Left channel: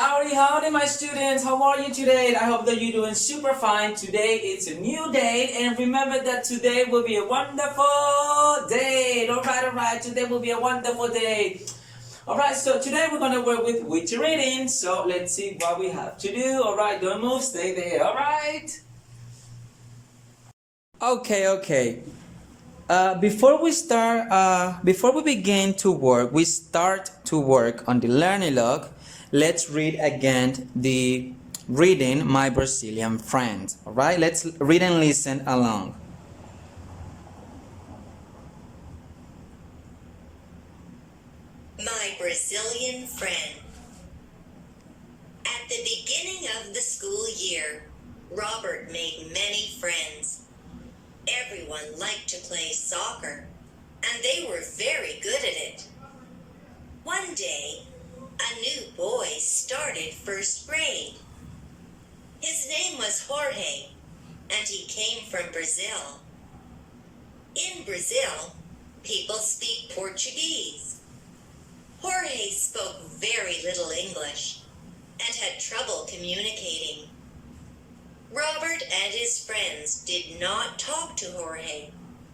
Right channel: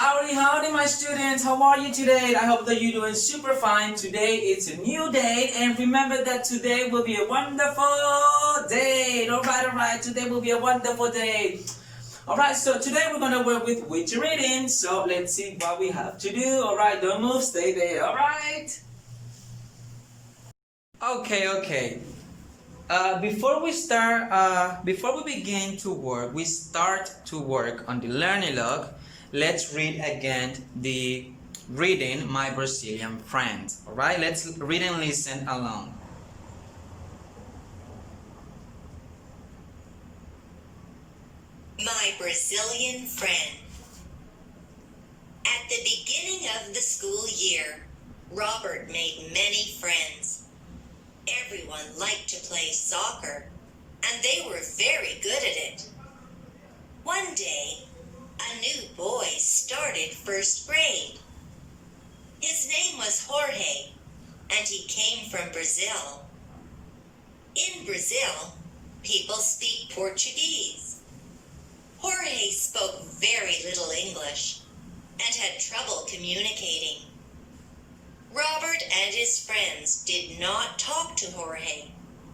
Howdy, howdy, my students. How are you today? I hope that you're doing super fine. Today is a new day, and remember that today will be a wonderful day. All right. Today will be a wonderful day. All right. So today we're gonna work with Witty Reading. So let's see what we have to do. All right. Don't move. Stay there. All right. Okay. Before we begin to work, we start to work on the learning log. Let's read again the reading My Brazilian Friend. All right, let's read and listen along. My Brazilian Friend. At the beginning of the school year, Robert made many friends. Everyone liked to play soccer, and they were very good at it. One day, a new boy started first grade. His name was Jorge, and he came from Brazil. In Brazil, people speak Portuguese. Jorge spoke very little English and had trouble communicating. Robert and his friends did not talk to Jorge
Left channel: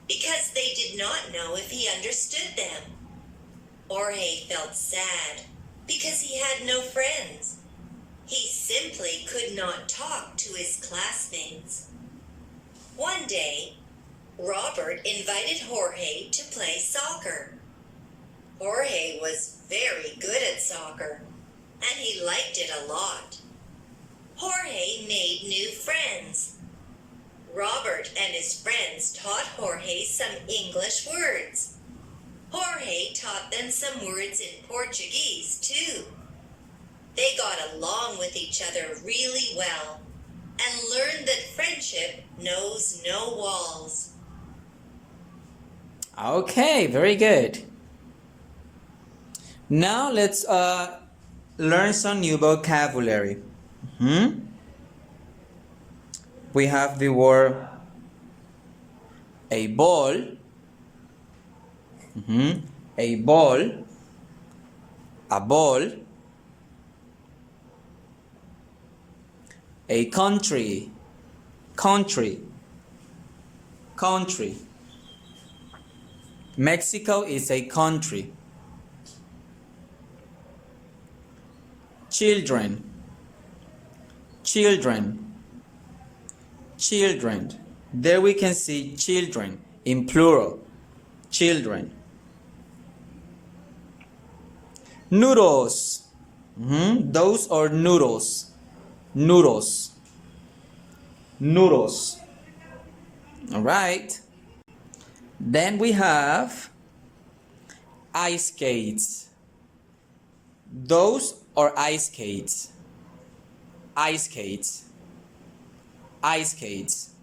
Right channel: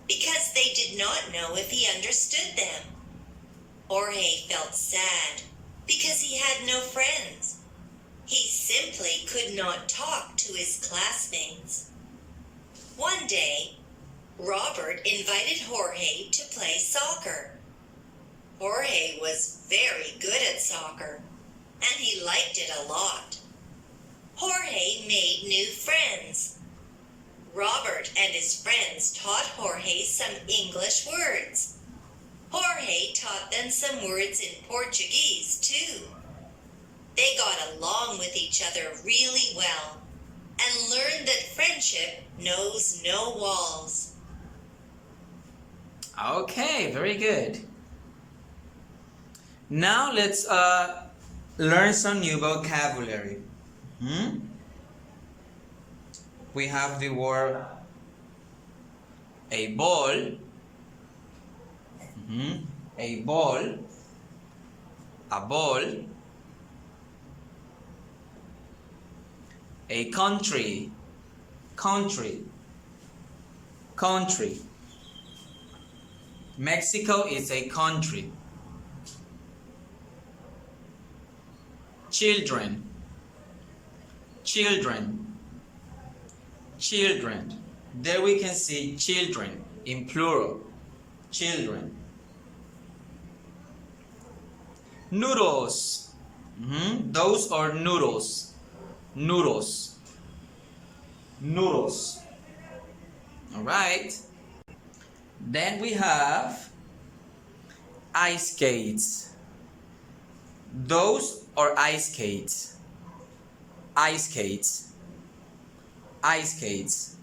because they did not know if he understood them. Jorge felt sad because he had no friends. He simply could not talk to his classmates. One day, Robert invited Jorge to play soccer. Jorge was very good at soccer, and he liked it a lot. Jorge made new friends. Robert and his friends taught Jorge some English words. Jorge taught them some words in Portuguese, too. They got along with each other really well and learned that friendship knows no walls. Okay, very good. Now let's learn some new vocabulary. We have the word a ball, a ball, a ball, a country, country, country. Mexico is a country. Children, children, children. There we can see children in plural. Children. Noodles. Those are noodles. Noodles. Noodles. All right. Then we have ice skates. Those are ice skates. Ice skates. Ice skates.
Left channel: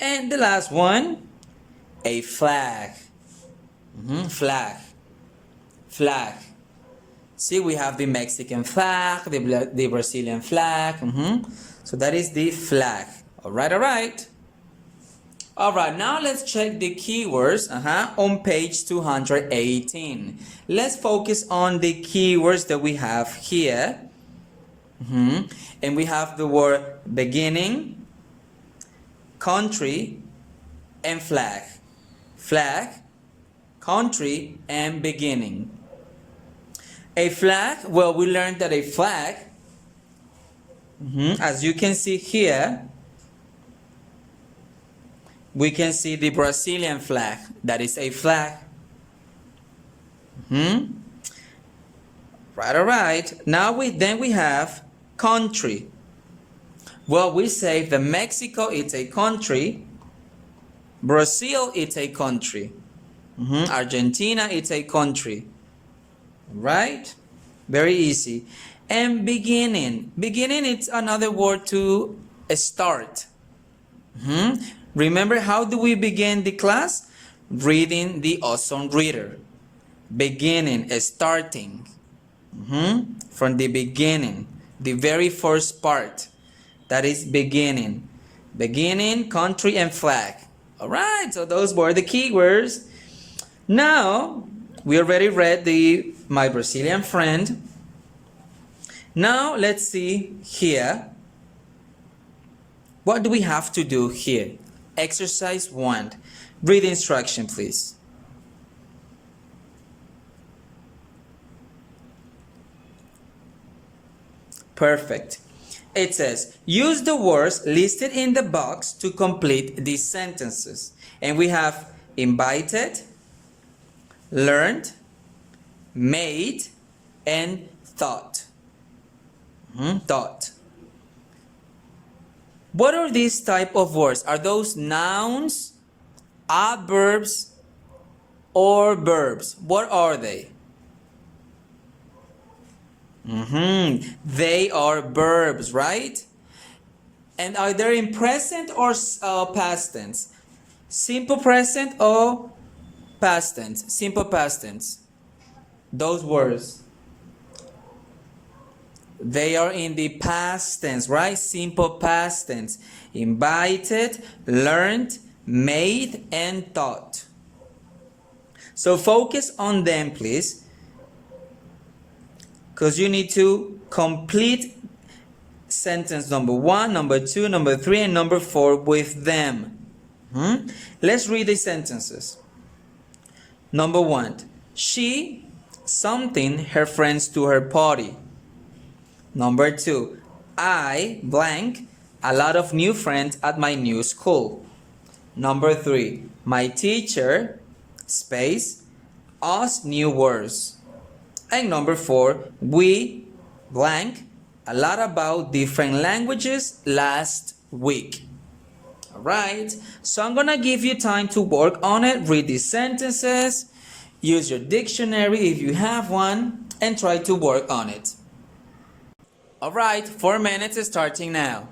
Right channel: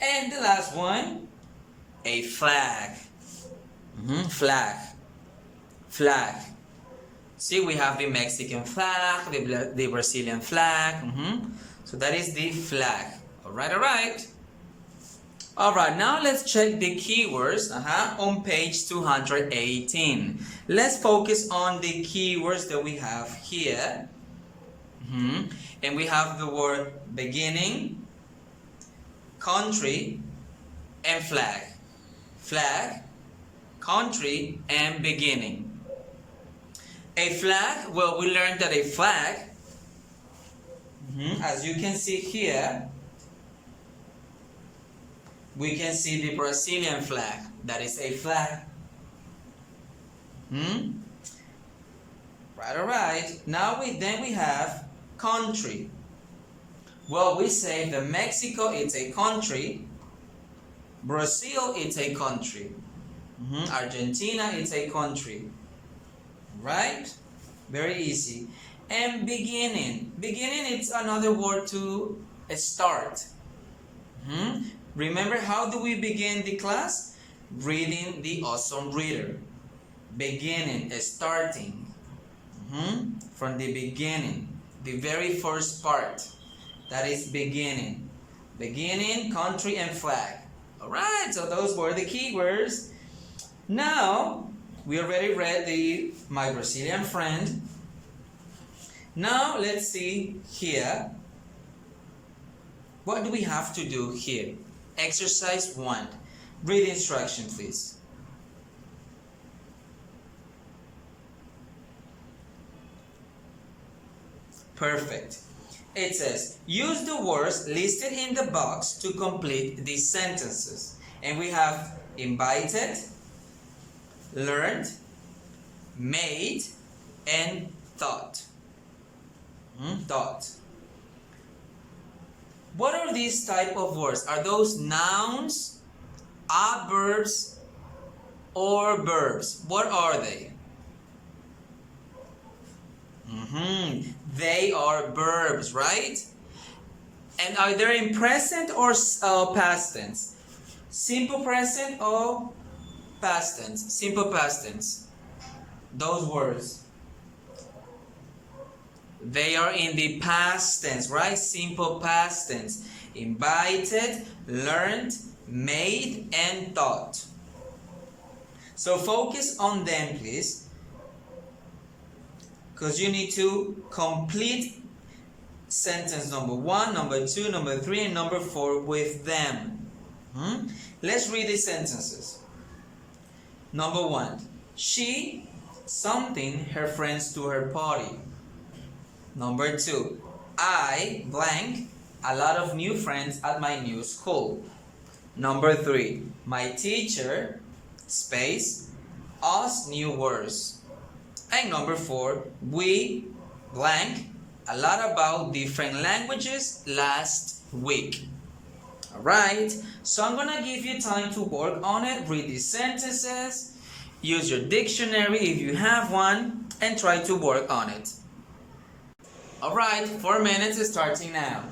And the last one, a flag. Flag. Flag. See, we have the Mexican flag, the Brazilian flag. So that is the flag. All right. All right, now let's check the keywords on page 218. Let's focus on the keywords that we have here. And we have the word beginning, country, and flag. Flag, country, and beginning. A flag, well, we learned that a flag, as you can see here, we can see the Brazilian flag. That is a flag. Right. Now we have country. Well, we say that Mexico is a country. Brazil is a country. Argentina is a country. Right? Very easy. And beginning. Beginning is another word to start. Remember, how do we begin the class? Reading the awesome reader. Beginning, starting. From the beginning. The very first part. That is beginning. Beginning, country, and flag. Alright, so those were the keywords. Now, we already read the My Brazilian Friend. Now let's see here. What do we have to do here? Exercise 1. Read the instruction, please. Perfect. It says, use the words listed in the box to complete these sentences. And we have invited, learned, made, and thought. Thought. What are these type of words? Are those nouns, adverbs, or verbs? What are they? They are verbs, right? And are they in present or past tense? Simple present or past tense? Simple past tense. Those words. They are in the past tense, right? Simple past tense. Invited, learned, made, and taught. So focus on them, please. Because you need to complete sentence number 1, number 2, number 3, and number 4 with them. Let's read the sentences. Number 1. She summoned her friends to her party. Number 2. I blank a lot of new friends at my new school. Number 3. My teacher space us new words. And number 4, we blank a lot about different languages last week. Alright, so I'm gonna give you time to work on it. Read these sentences, use your dictionary if you have one, and try to work on it. Alright, 4 minutes is starting now.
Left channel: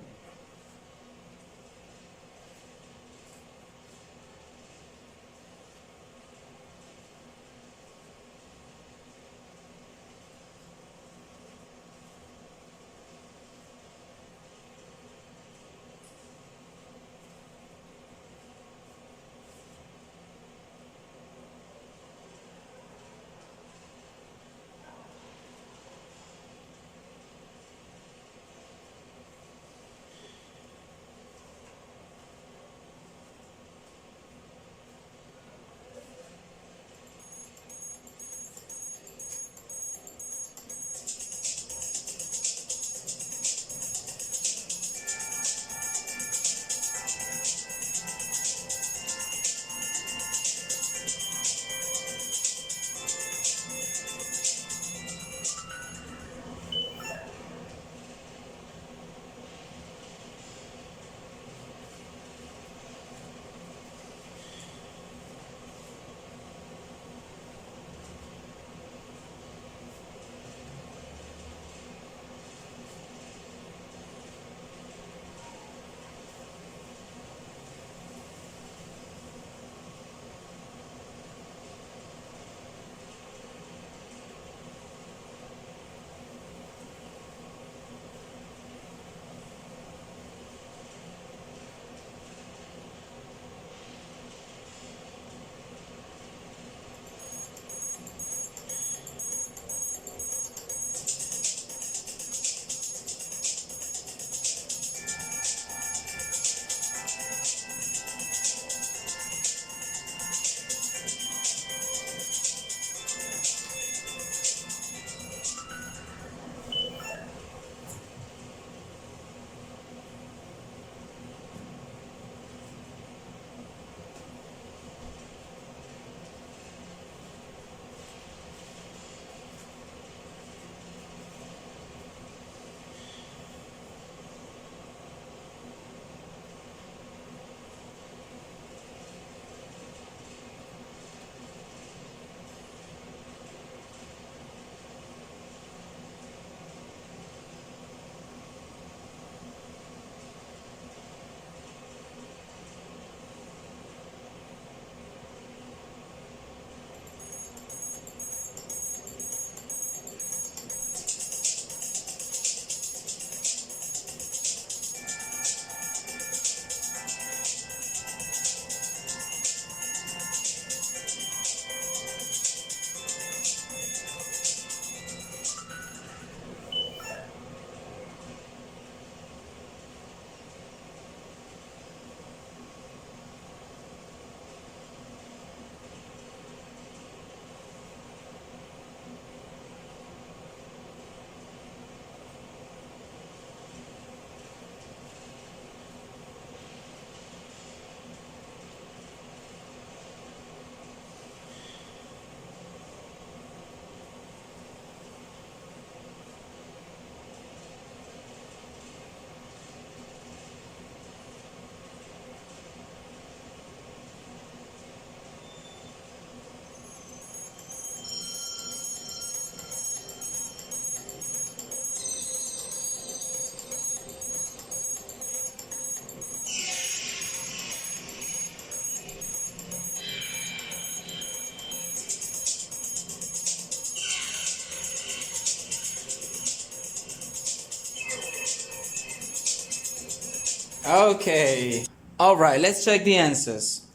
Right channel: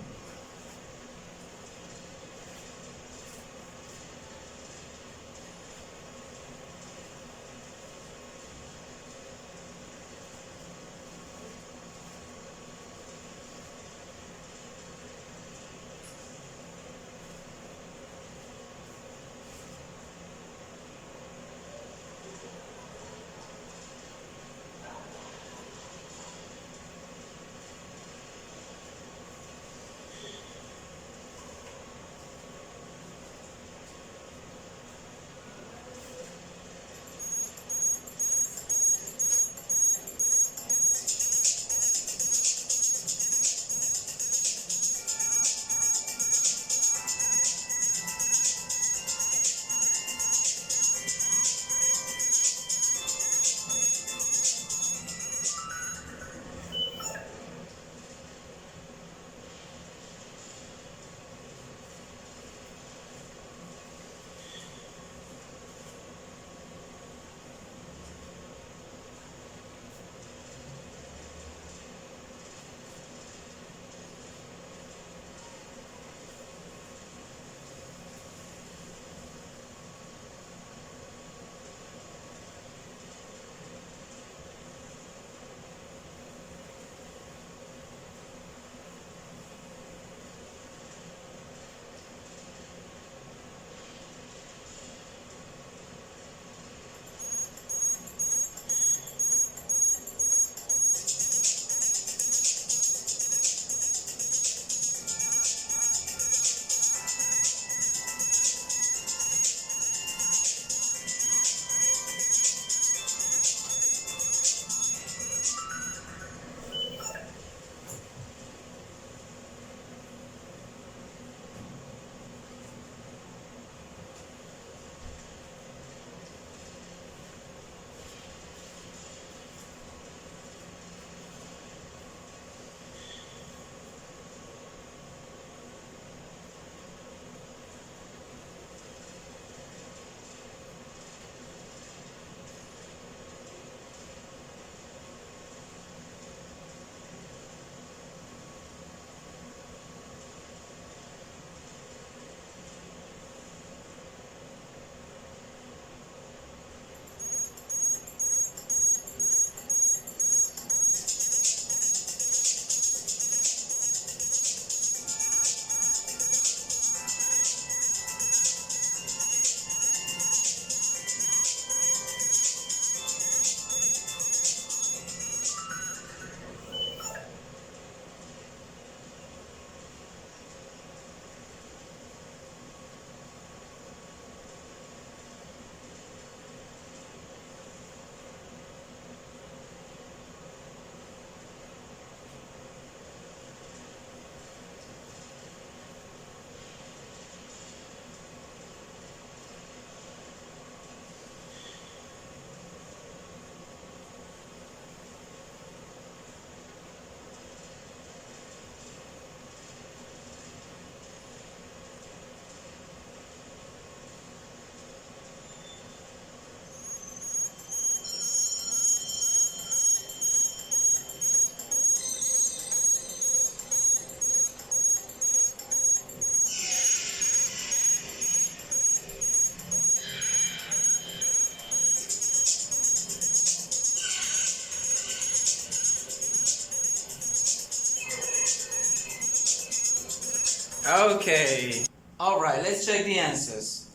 Okay. All right, let's check the answers.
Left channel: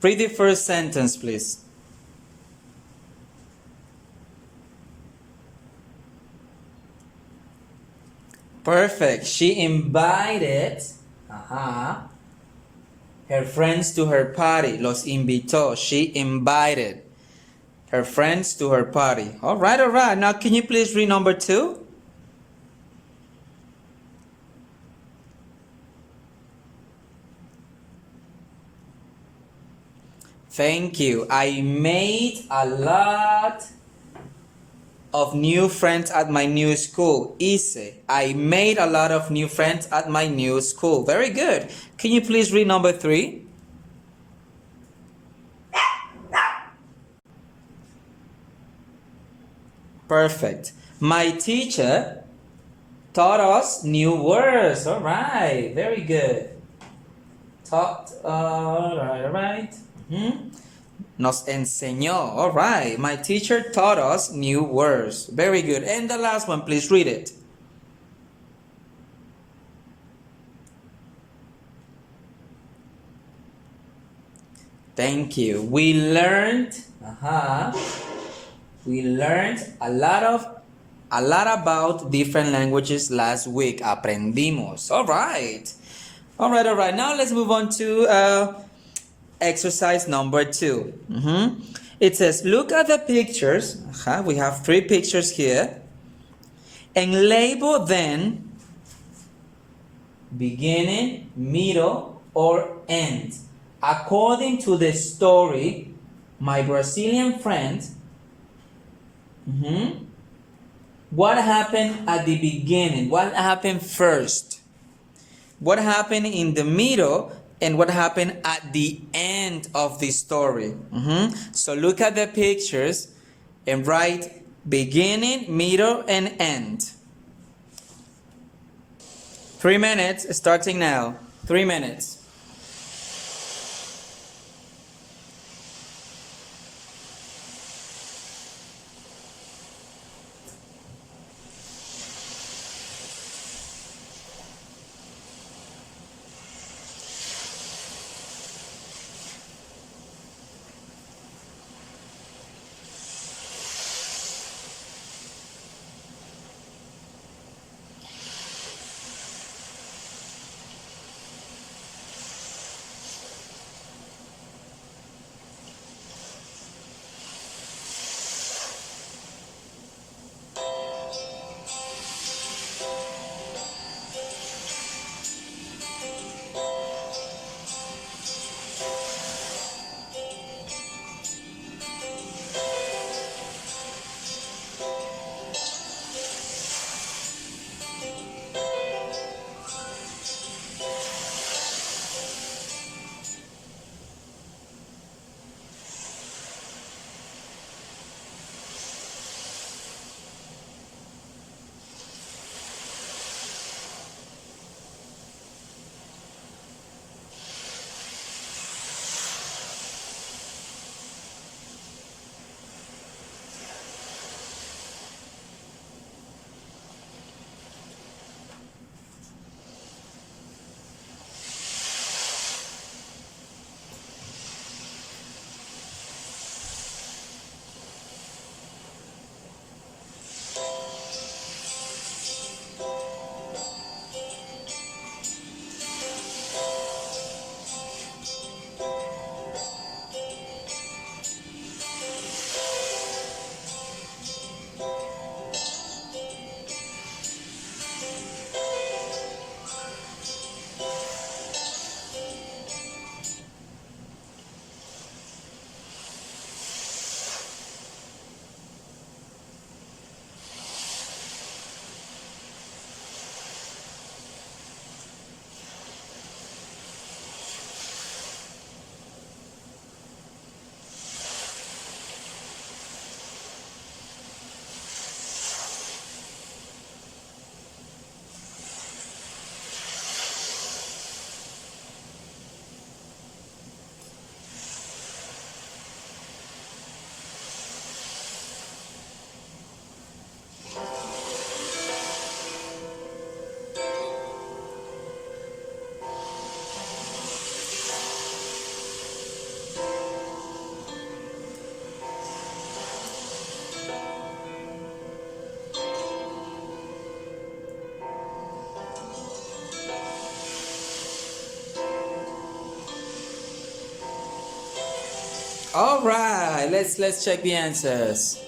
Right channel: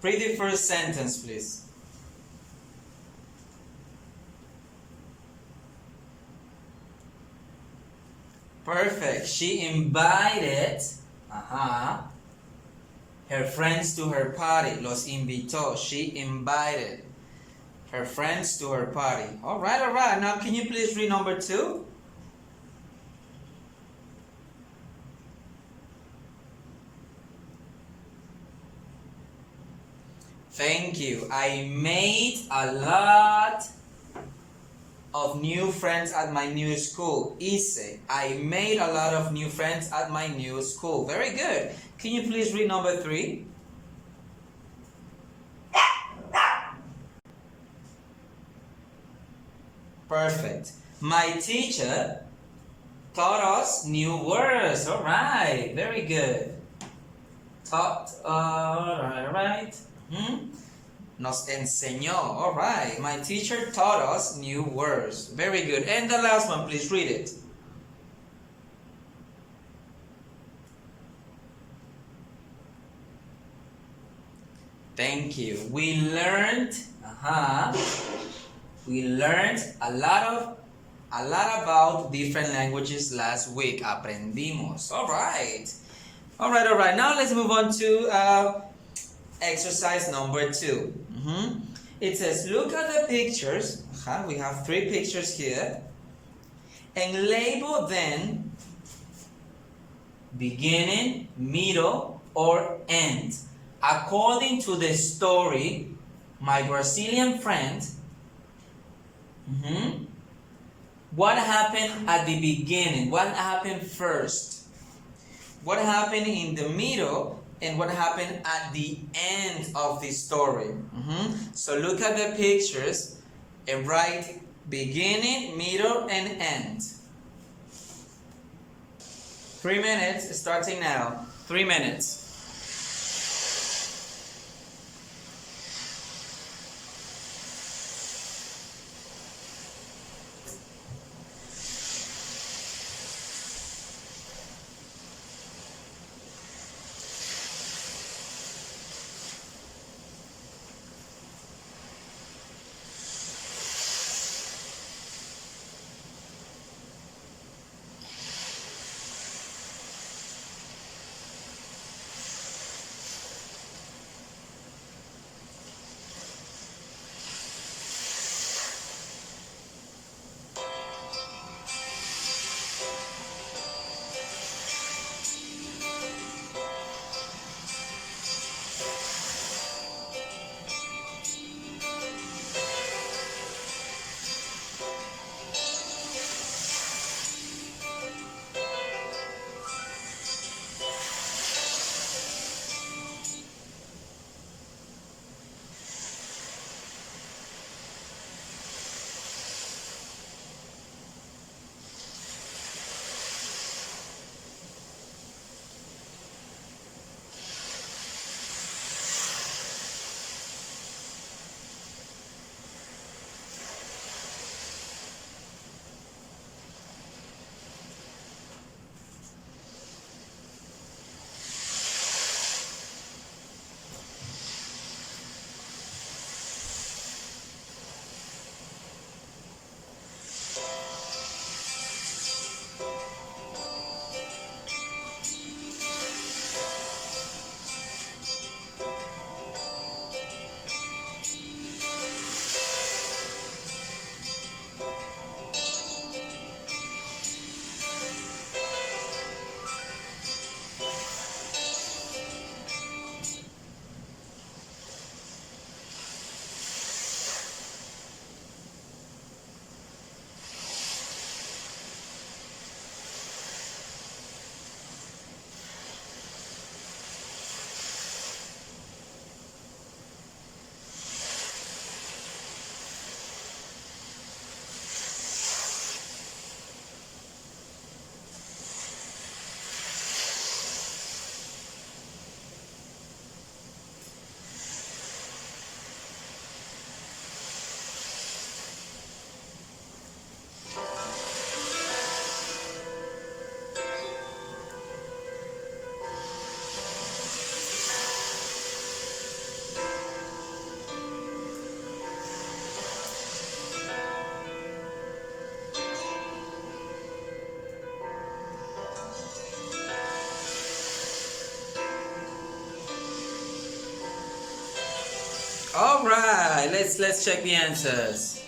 Read the first sentence, please. Perfect. She invited her friends to her party. Los invitó. She invited her friends to her party. All right, all right. Now, can you please read number 2? Thank you. I made a lot of new friends at my new school. Hice. I made a lot of new friends at my new school. Very good. Can you please read number 3? Perfect. My teacher taught us new words. All right. Very good. Taught. All right. All right. Nos enseñó. All right. My teacher taught us new words. Very good. And the last one, please read it. Thank you. We learned a lot about different languages last week. Aprendimos. All right. All right, all right. Now let's move on to exercise number 2. It says, look at the pictures. We have 3 pictures here. And label them beginning, middle, or end. According to the story, my Brazilian friend, what happened at the beginning? What happened first? What happened in the middle? And what happened at the end of the story? So look at the pictures and write beginning, middle, and end. 3 minutes starting now. 3 minutes. All right, let's check the answers.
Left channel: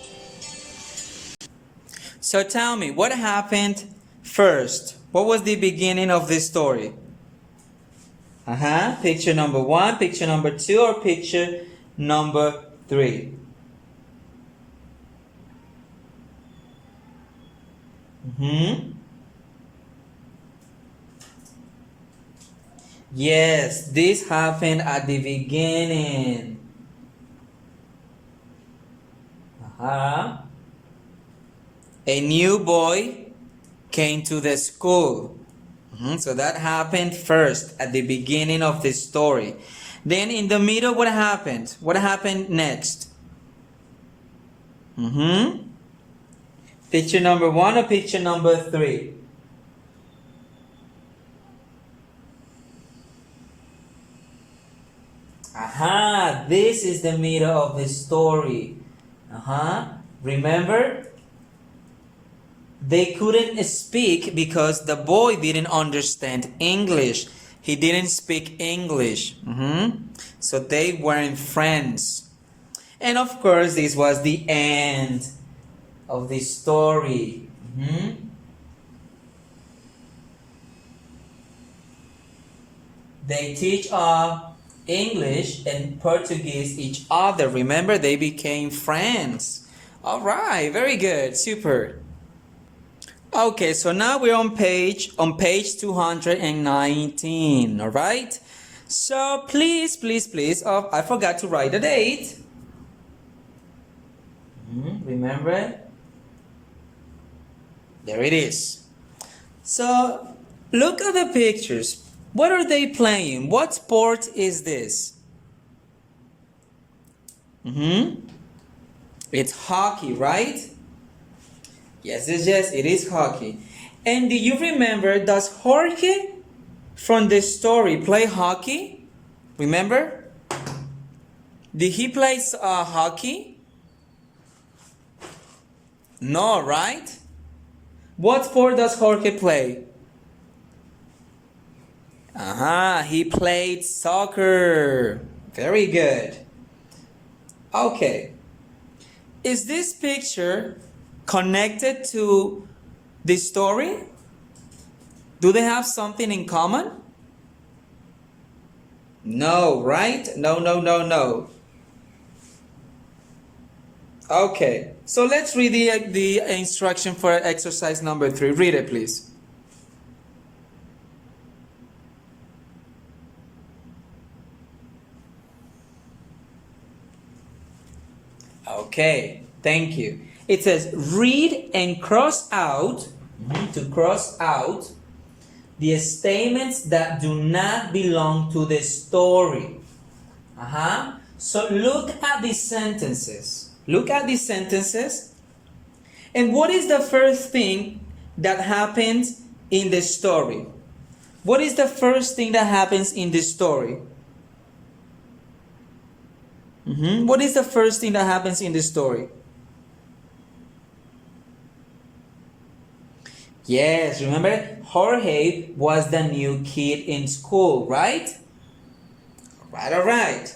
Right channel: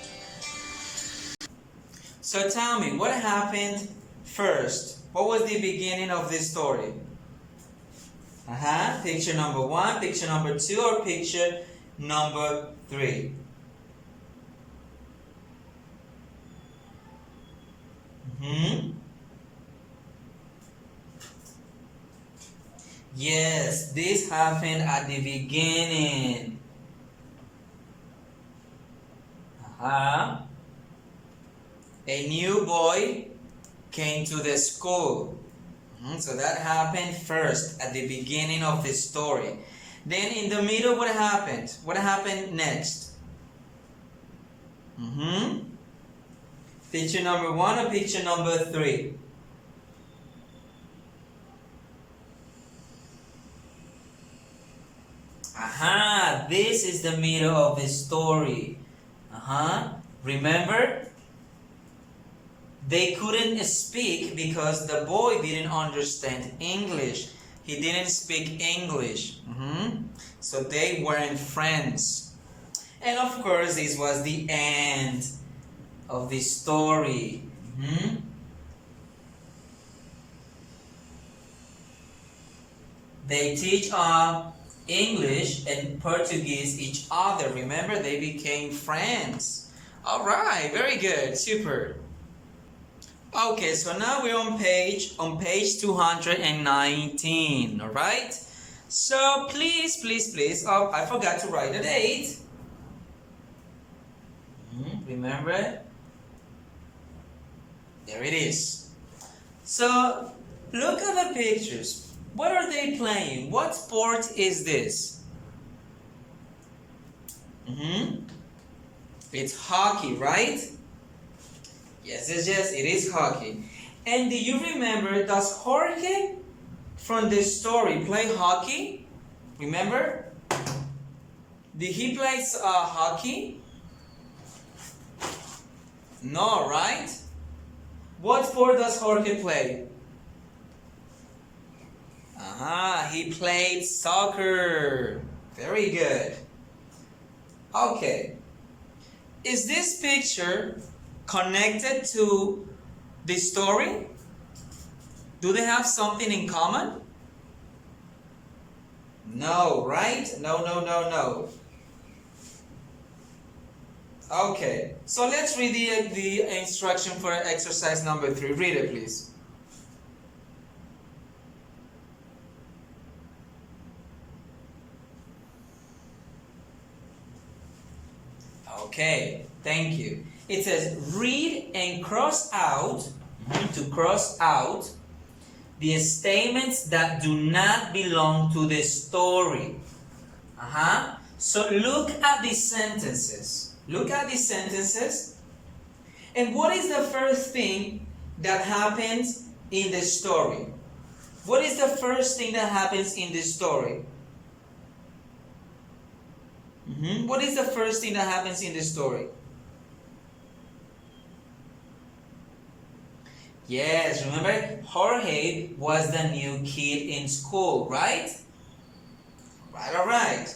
So tell me, what happened first? What was the beginning of this story? Picture number 1, picture number 2, or picture number 3? Yes, this happened at the beginning. A new boy came to the school. So that happened first at the beginning of the story. Then in the middle, what happened? What happened next? Picture number 1 or picture number 3? This is the middle of the story. Remember? They couldn't speak because the boy didn't understand English. He didn't speak English. So they weren't friends. And of course, this was the end of the story. They teach English and Portuguese each other. Remember, they became friends. All right, very good, super. Okay, so now we're on page 219, all right? So please, I forgot to write the date. Remember? There it is. So look at the pictures. What are they playing? What sport is this? It's hockey, right? Yes, it is hockey. And do you remember, does Jorge from the story play hockey? Remember? Did he play hockey? No, right? What sport does Jorge play? He played soccer. Very good. Okay. Is this picture connected to the story? Do they have something in common? No, right? No. Okay, so let's read the instruction for exercise number 3. Read it, please. Okay, thank you. It says read and cross out, to cross out the statements that do not belong to the story. So look at the sentences. Look at the sentences. And what is the first thing that happens in the story? What is the first thing that happens in the story? What is the first thing that happens in the story? Yes, remember, Jorge was the new kid in school, right? All right.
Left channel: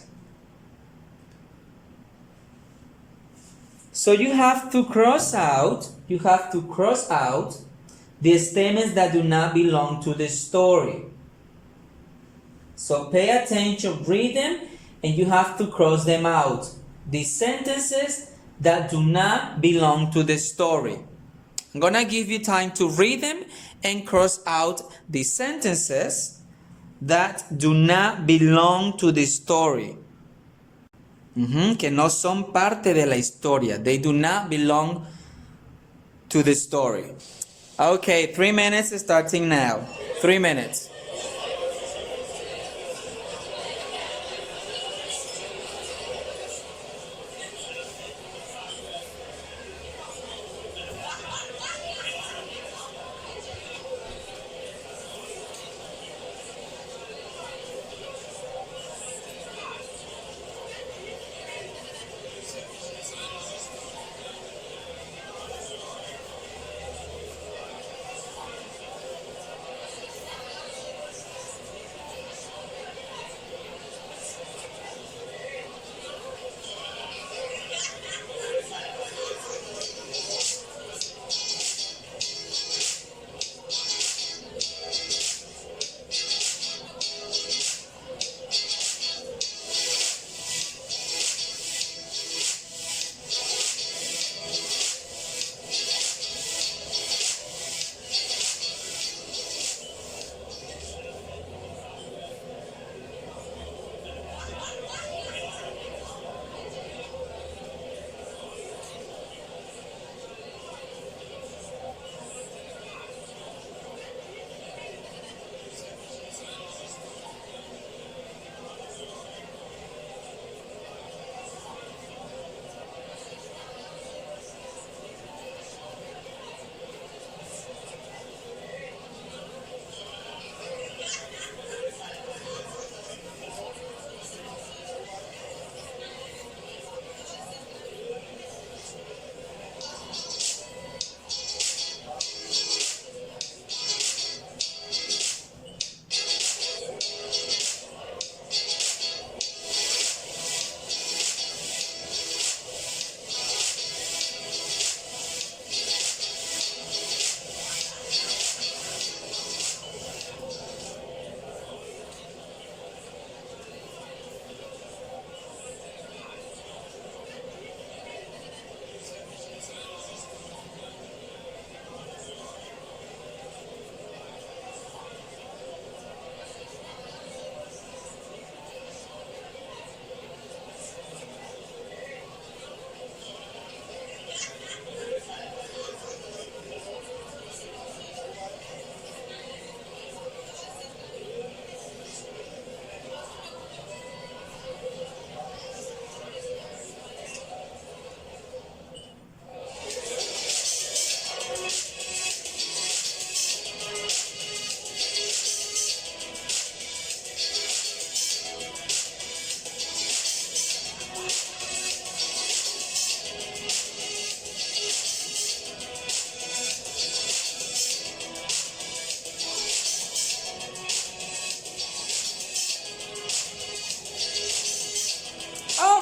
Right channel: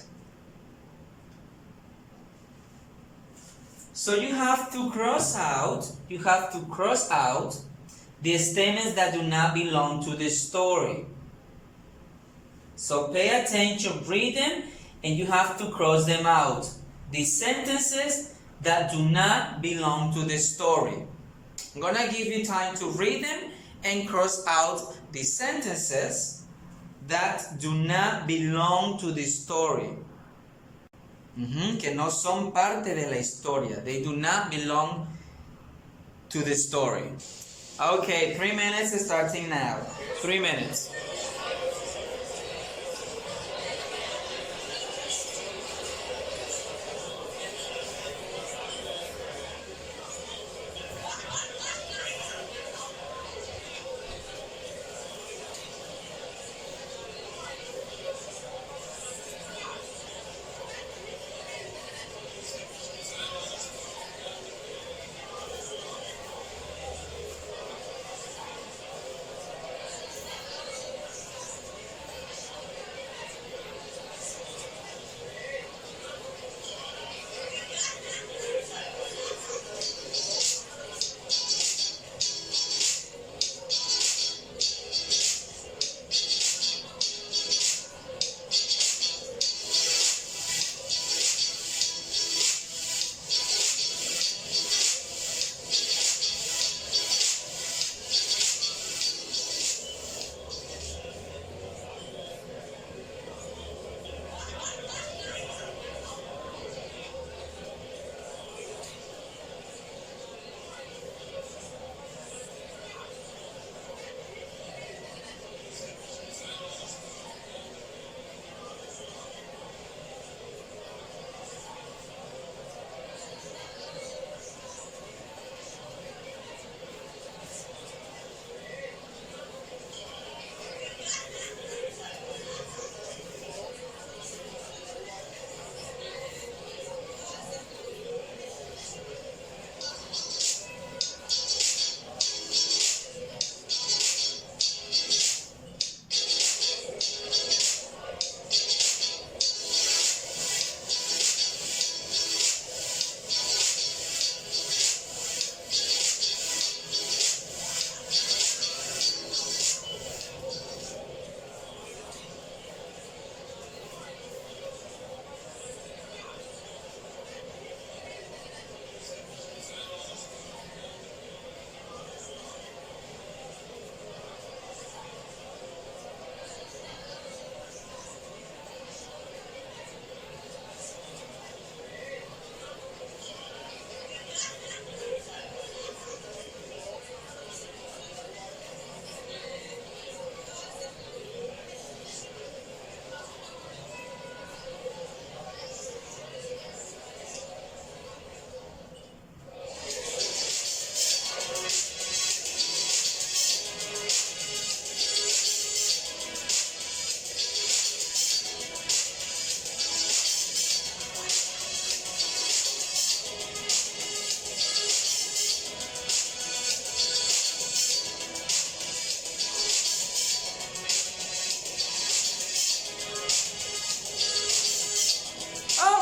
So you have to cross out the statements that do not belong to the story. So pay attention, read them, and you have to cross them out. The sentences that do not belong to the story. I'm gonna give you time to read them and cross out the sentences that do not belong to the story. Que no son parte de la historia. They do not belong to the story. Okay, 3 minutes starting now. 3 minutes.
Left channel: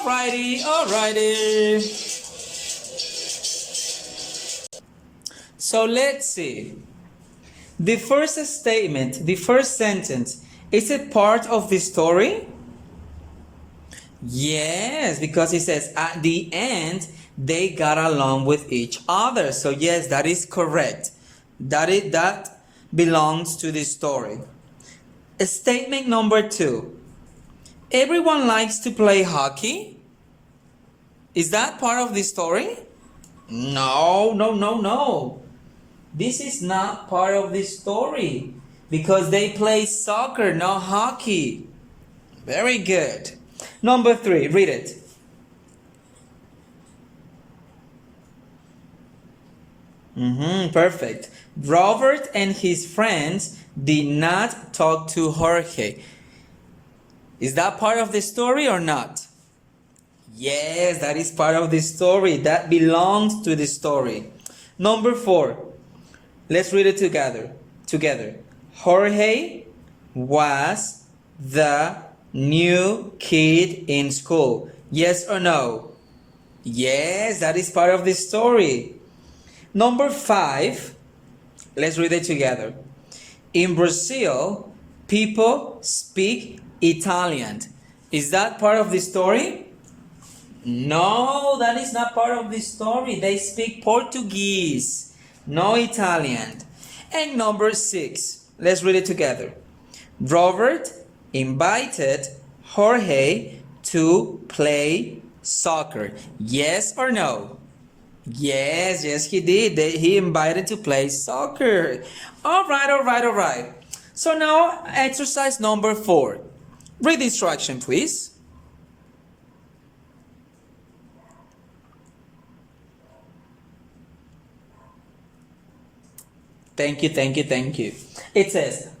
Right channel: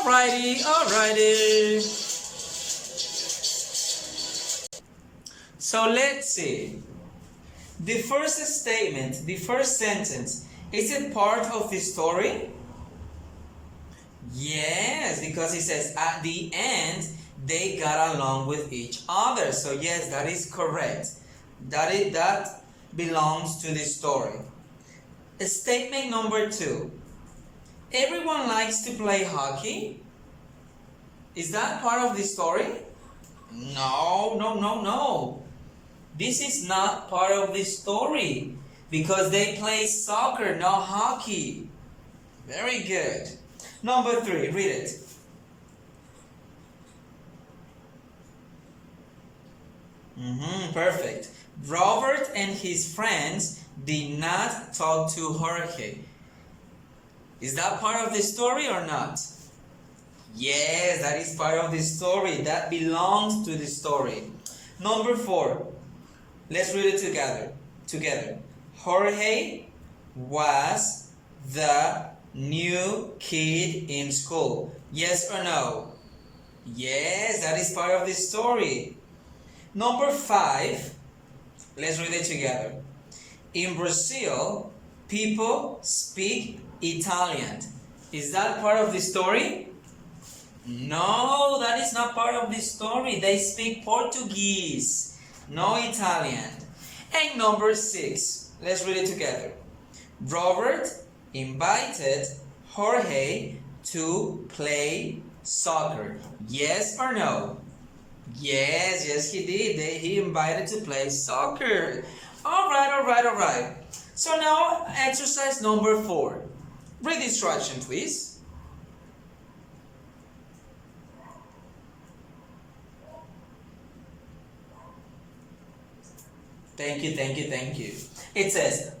Alrighty. So let's see. The first statement, the first sentence, is it part of the story? Yes, because it says at the end they got along with each other. So yes, that is correct. That belongs to the story. Statement number 2. Everyone likes to play hockey. Is that part of the story? No. This is not part of the story because they play soccer, not hockey. Very good. Number 3, read it. Perfect. Robert and his friends did not talk to Jorge. Is that part of the story or not? Yes, that is part of the story. That belongs to the story. Number 4. Let's read it together. Jorge was the new kid in school. Yes or no? Yes, that is part of the story. Number 5. Let's read it together. In Brazil, people speak Italian. Is that part of the story? No, that is not part of the story. They speak Portuguese. No Italian. And number 6, let's read it together. Robert invited Jorge to play soccer. Yes or no? Yes, he did. He invited to play soccer. All right. So now exercise number 4. Read the instruction, please. Thank you. It says,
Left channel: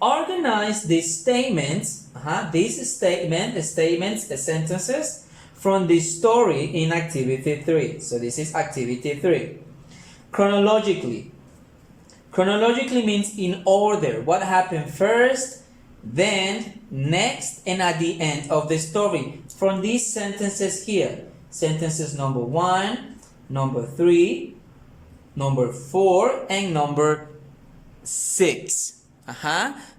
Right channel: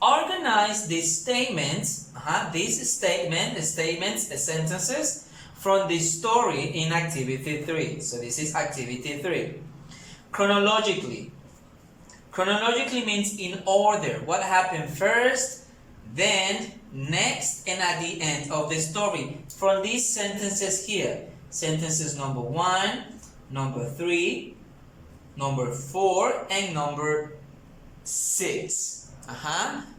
organize the statements, the sentences from the story in activity 3. So this is activity 3. Chronologically. Chronologically means in order. What happened first, then, next, and at the end of the story. From these sentences here. Sentences number 1, number 3, number 4, and number 6.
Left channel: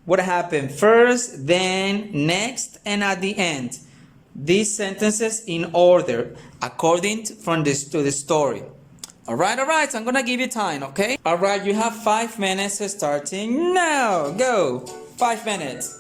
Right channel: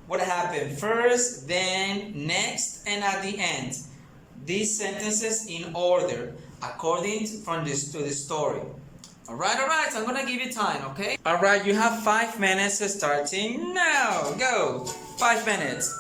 What happened first, then, next, and at the end. These sentences in order according to the story. Alright, so I'm gonna give you time, okay? Alright, you have 5 minutes starting now. Go! 5 minutes.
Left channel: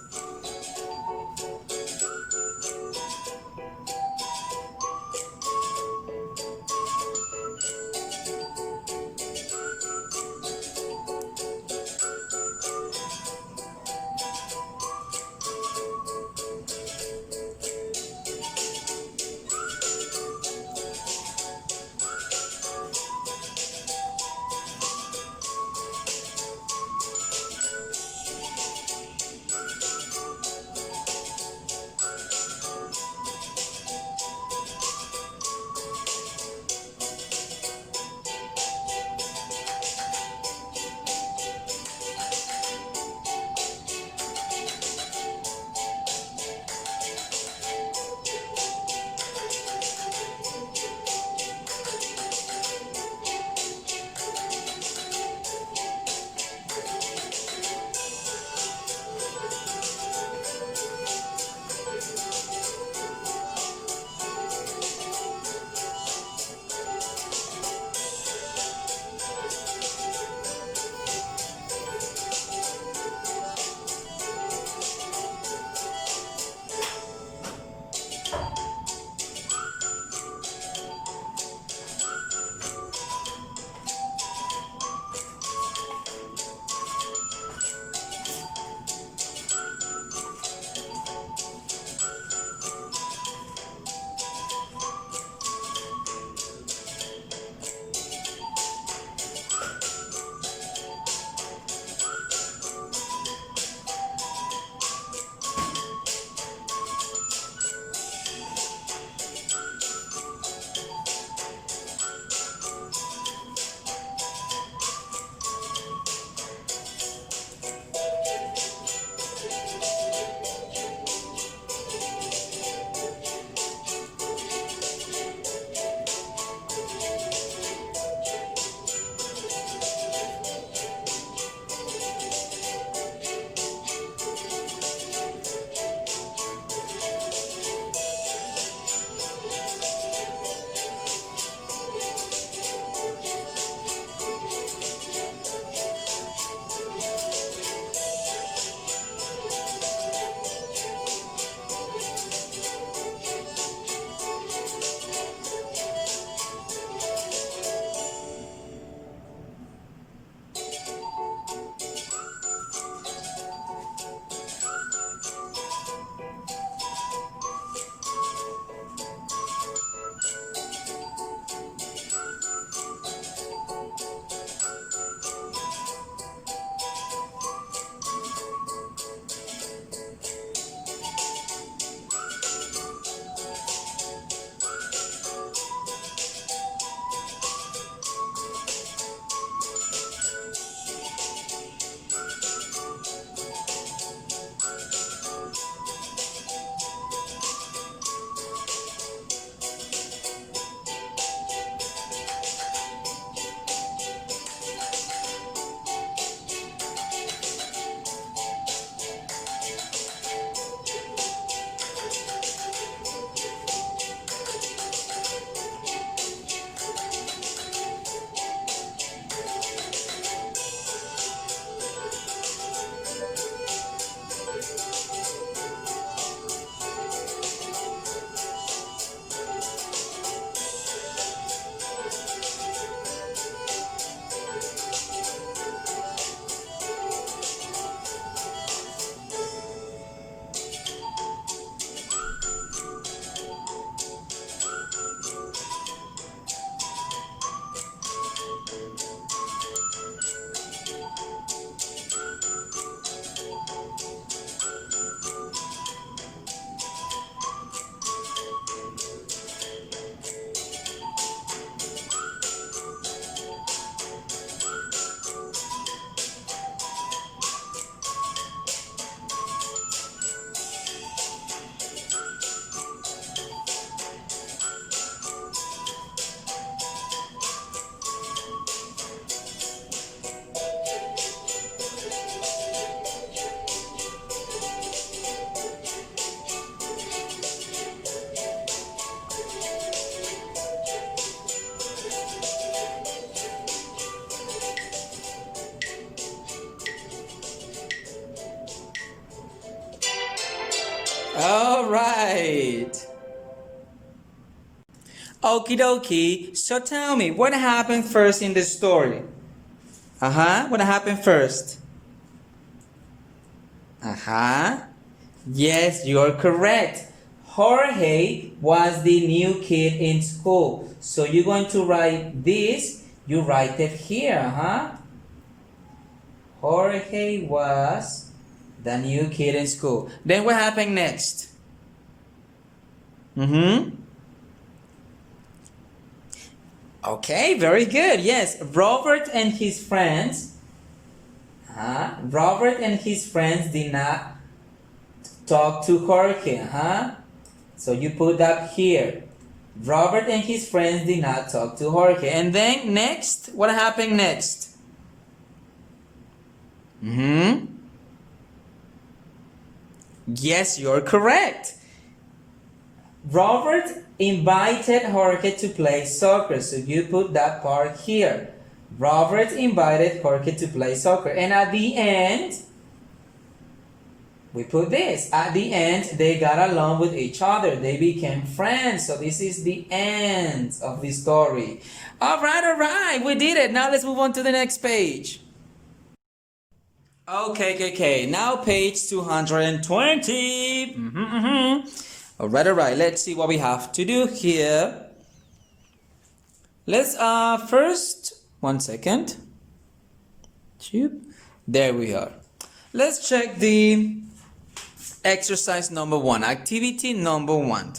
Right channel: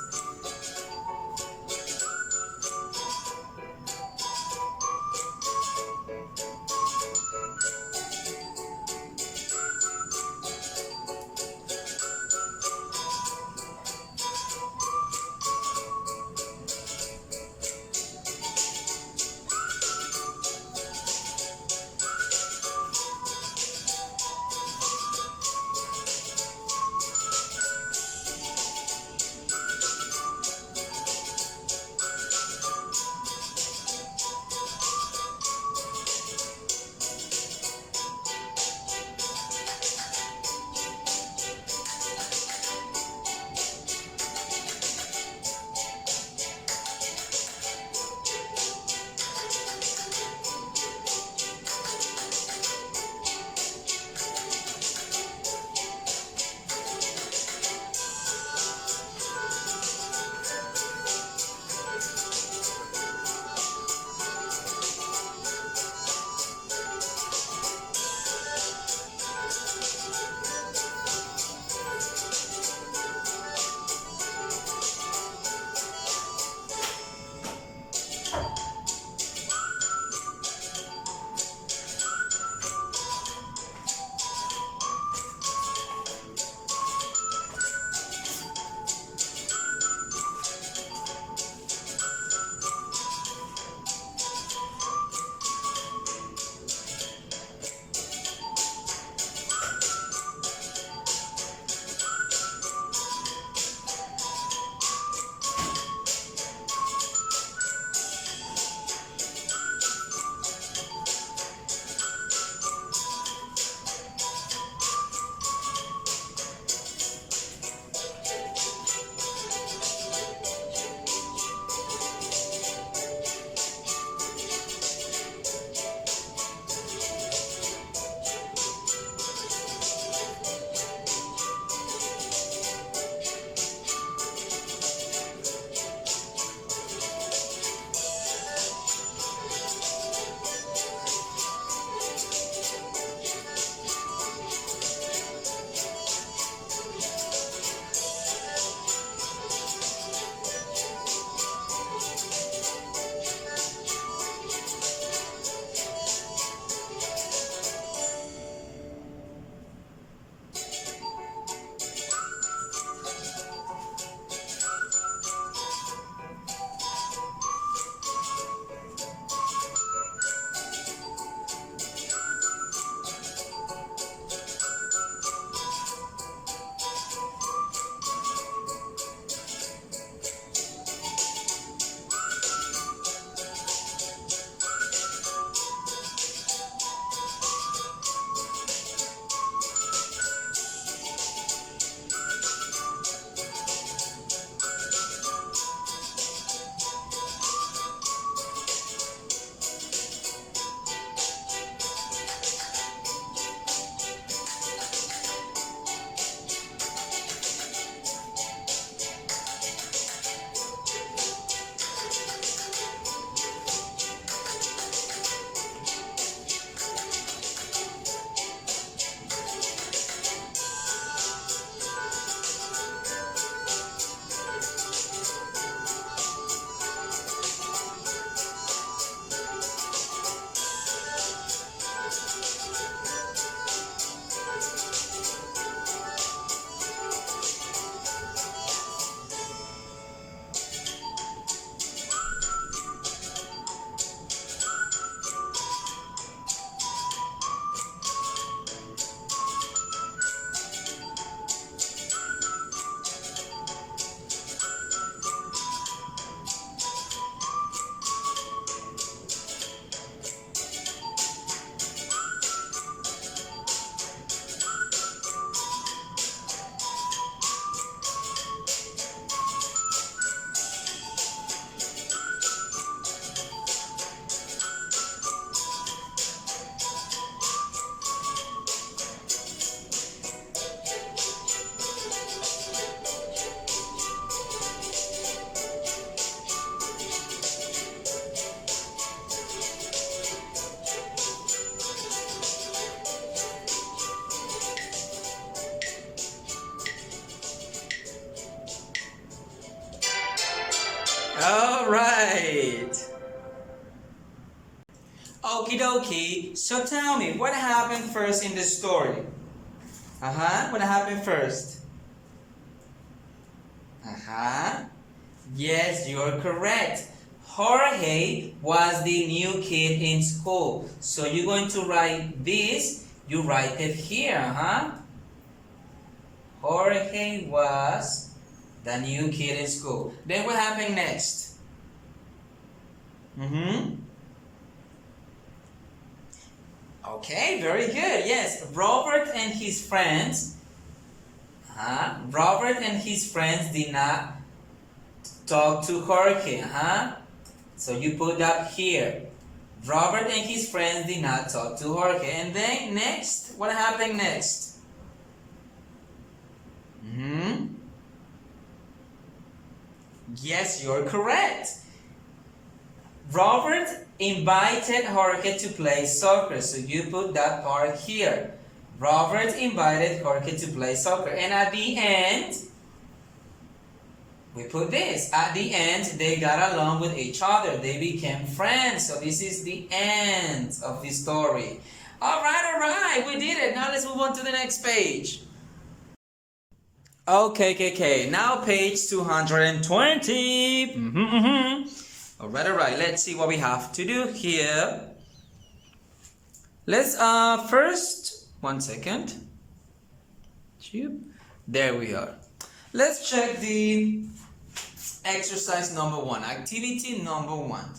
All right. Okie dokie. So tell me, what happened first in the story? What happened first? Yes, you're correct. Jorge was the new kid in school. So you're going to write this. You write it here, Jorge was the new kid in school. Then what happened next? Okay, very good. Yes, Robert and his friends. Robert and his friends did not talk to Jorge. So you put that here. Robert and his friends did not talk to Jorge. And then next, what happened next? Yes, you're correct. Robert invited Jorge to play soccer. So you put that part here. Robert invited Jorge to play soccer. And at the end, we put this. At the end, they got along with each other. They became friends. So this is the end of the story. All right. We did it. Now let's move on to the next page. Okay. Now page 220. All right. Let's see what we have to do here. Let's first, one second. There we are. Let's check the exercise number 1, activity number 1.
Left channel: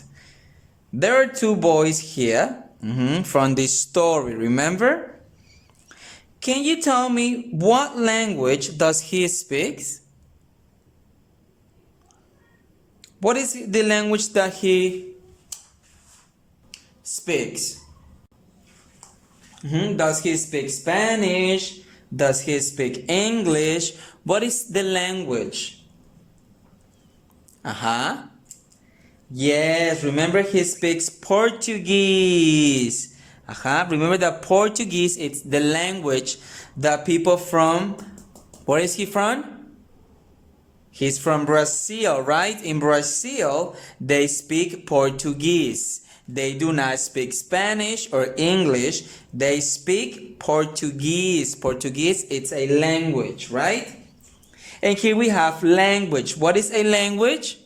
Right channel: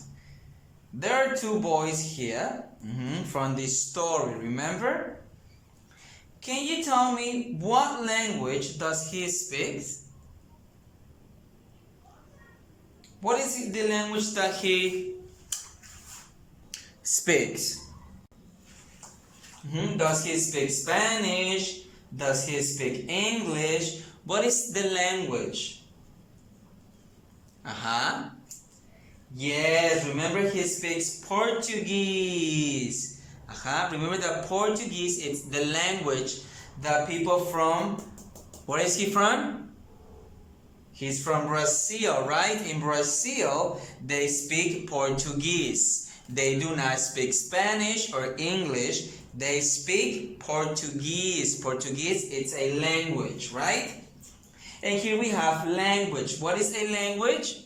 There are 2 boys here from this story, remember? Can you tell me what language does he speak? What is the language that he speaks? Does he speak Spanish? Does he speak English? What is the language? Yes, remember he speaks Portuguese. Remember that Portuguese is the language that people from, where is he from? He's from Brazil, right? In Brazil, they speak Portuguese. They do not speak Spanish or English. They speak Portuguese. Portuguese, it's a language, right? And here we have language. What is a language?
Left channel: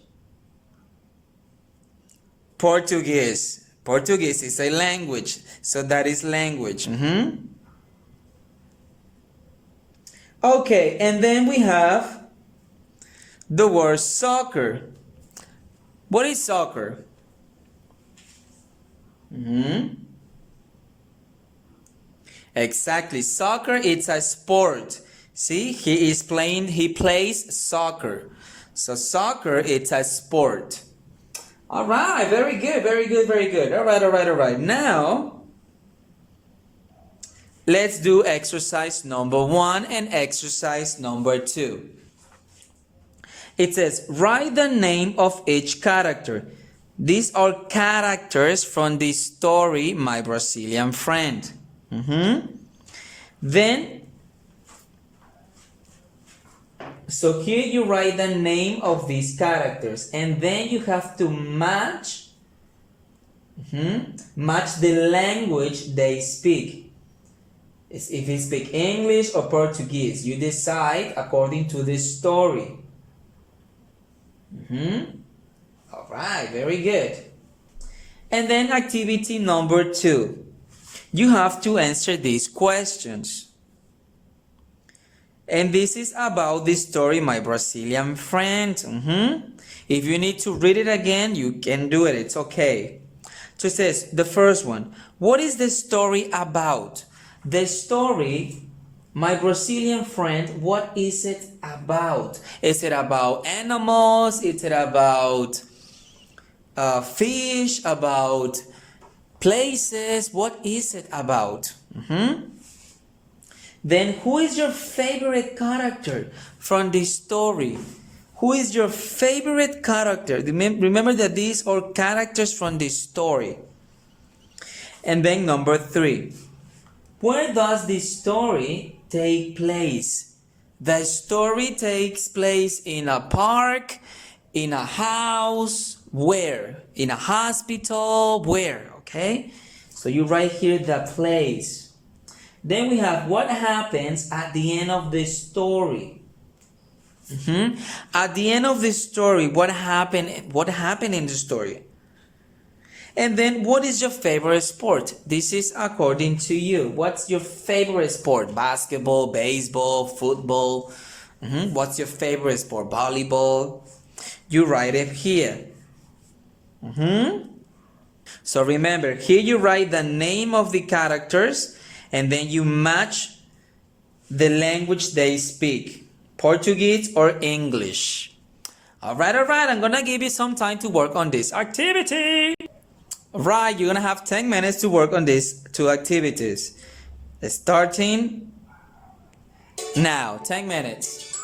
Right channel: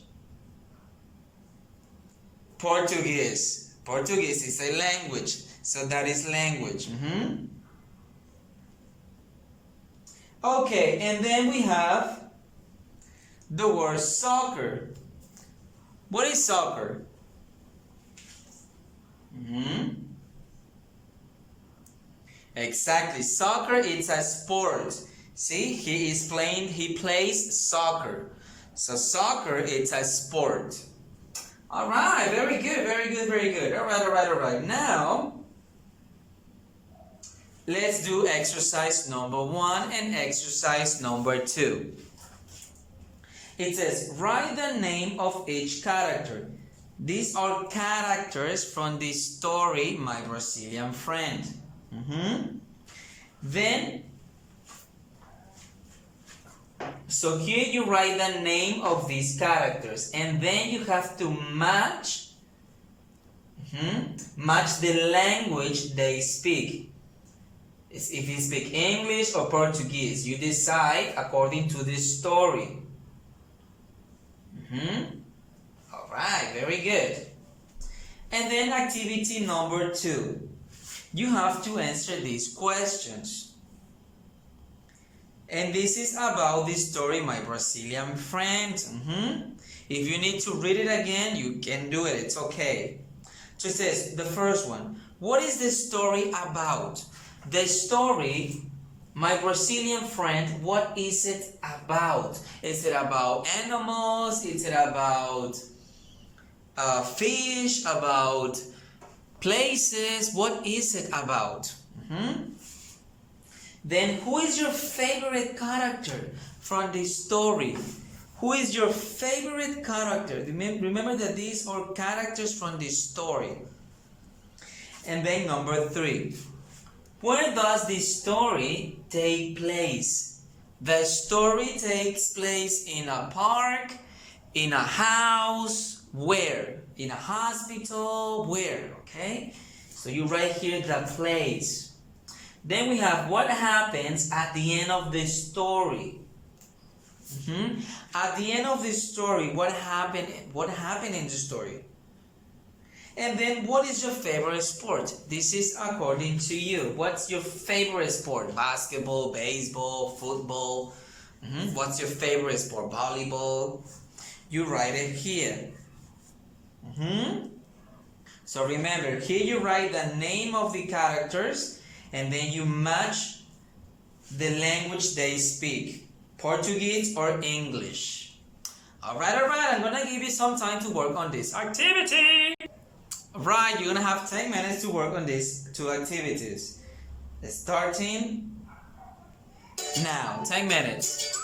Portuguese. Portuguese is a language. So that is language. Okay, and then we have the word soccer. What is soccer? Exactly. Soccer, it's a sport. See, he plays soccer. So soccer, it's a sport. All right, very good. All right. Now, let's do exercise number 1 and exercise number 2. It says, write the name of each character. These are characters from the story, My Brazilian Friend. Then, so here you write the name of these characters, and then you have to match the language they speak. If you speak English or Portuguese, you decide according to the story. All right, very good. And then activity number 2. You have to answer these questions. And this is about the story My Brazilian Friend. If you need to read it again, you can do it. It's okay. So it says, the first one, what is the story about? The story, My Brazilian Friend, what is it about? Is it about animals? Is it about fish? About places? What is it about? Then who is your favorite character from this story? Who is your favorite character? Remember that these are characters from this story. And then number 3. Where does this story take place? The story takes place in a park, In a house, where? In a hospital, where? Okay? So you write here the place. Then we have what happens at the end of the story. At the end of the story, what happened? What happened in the story? And then, what is your favorite sport? This is according to you. What's your favorite sport? Basketball, baseball, football. What's your favorite sport? Volleyball. You write it here. So remember, here you write the name of the characters and then you match the language they speak, Portuguese or English. Alright, I'm gonna give you some time to work on this activity. Alright, you're gonna have 10 minutes to work on these two activities. Starting now, 10 minutes.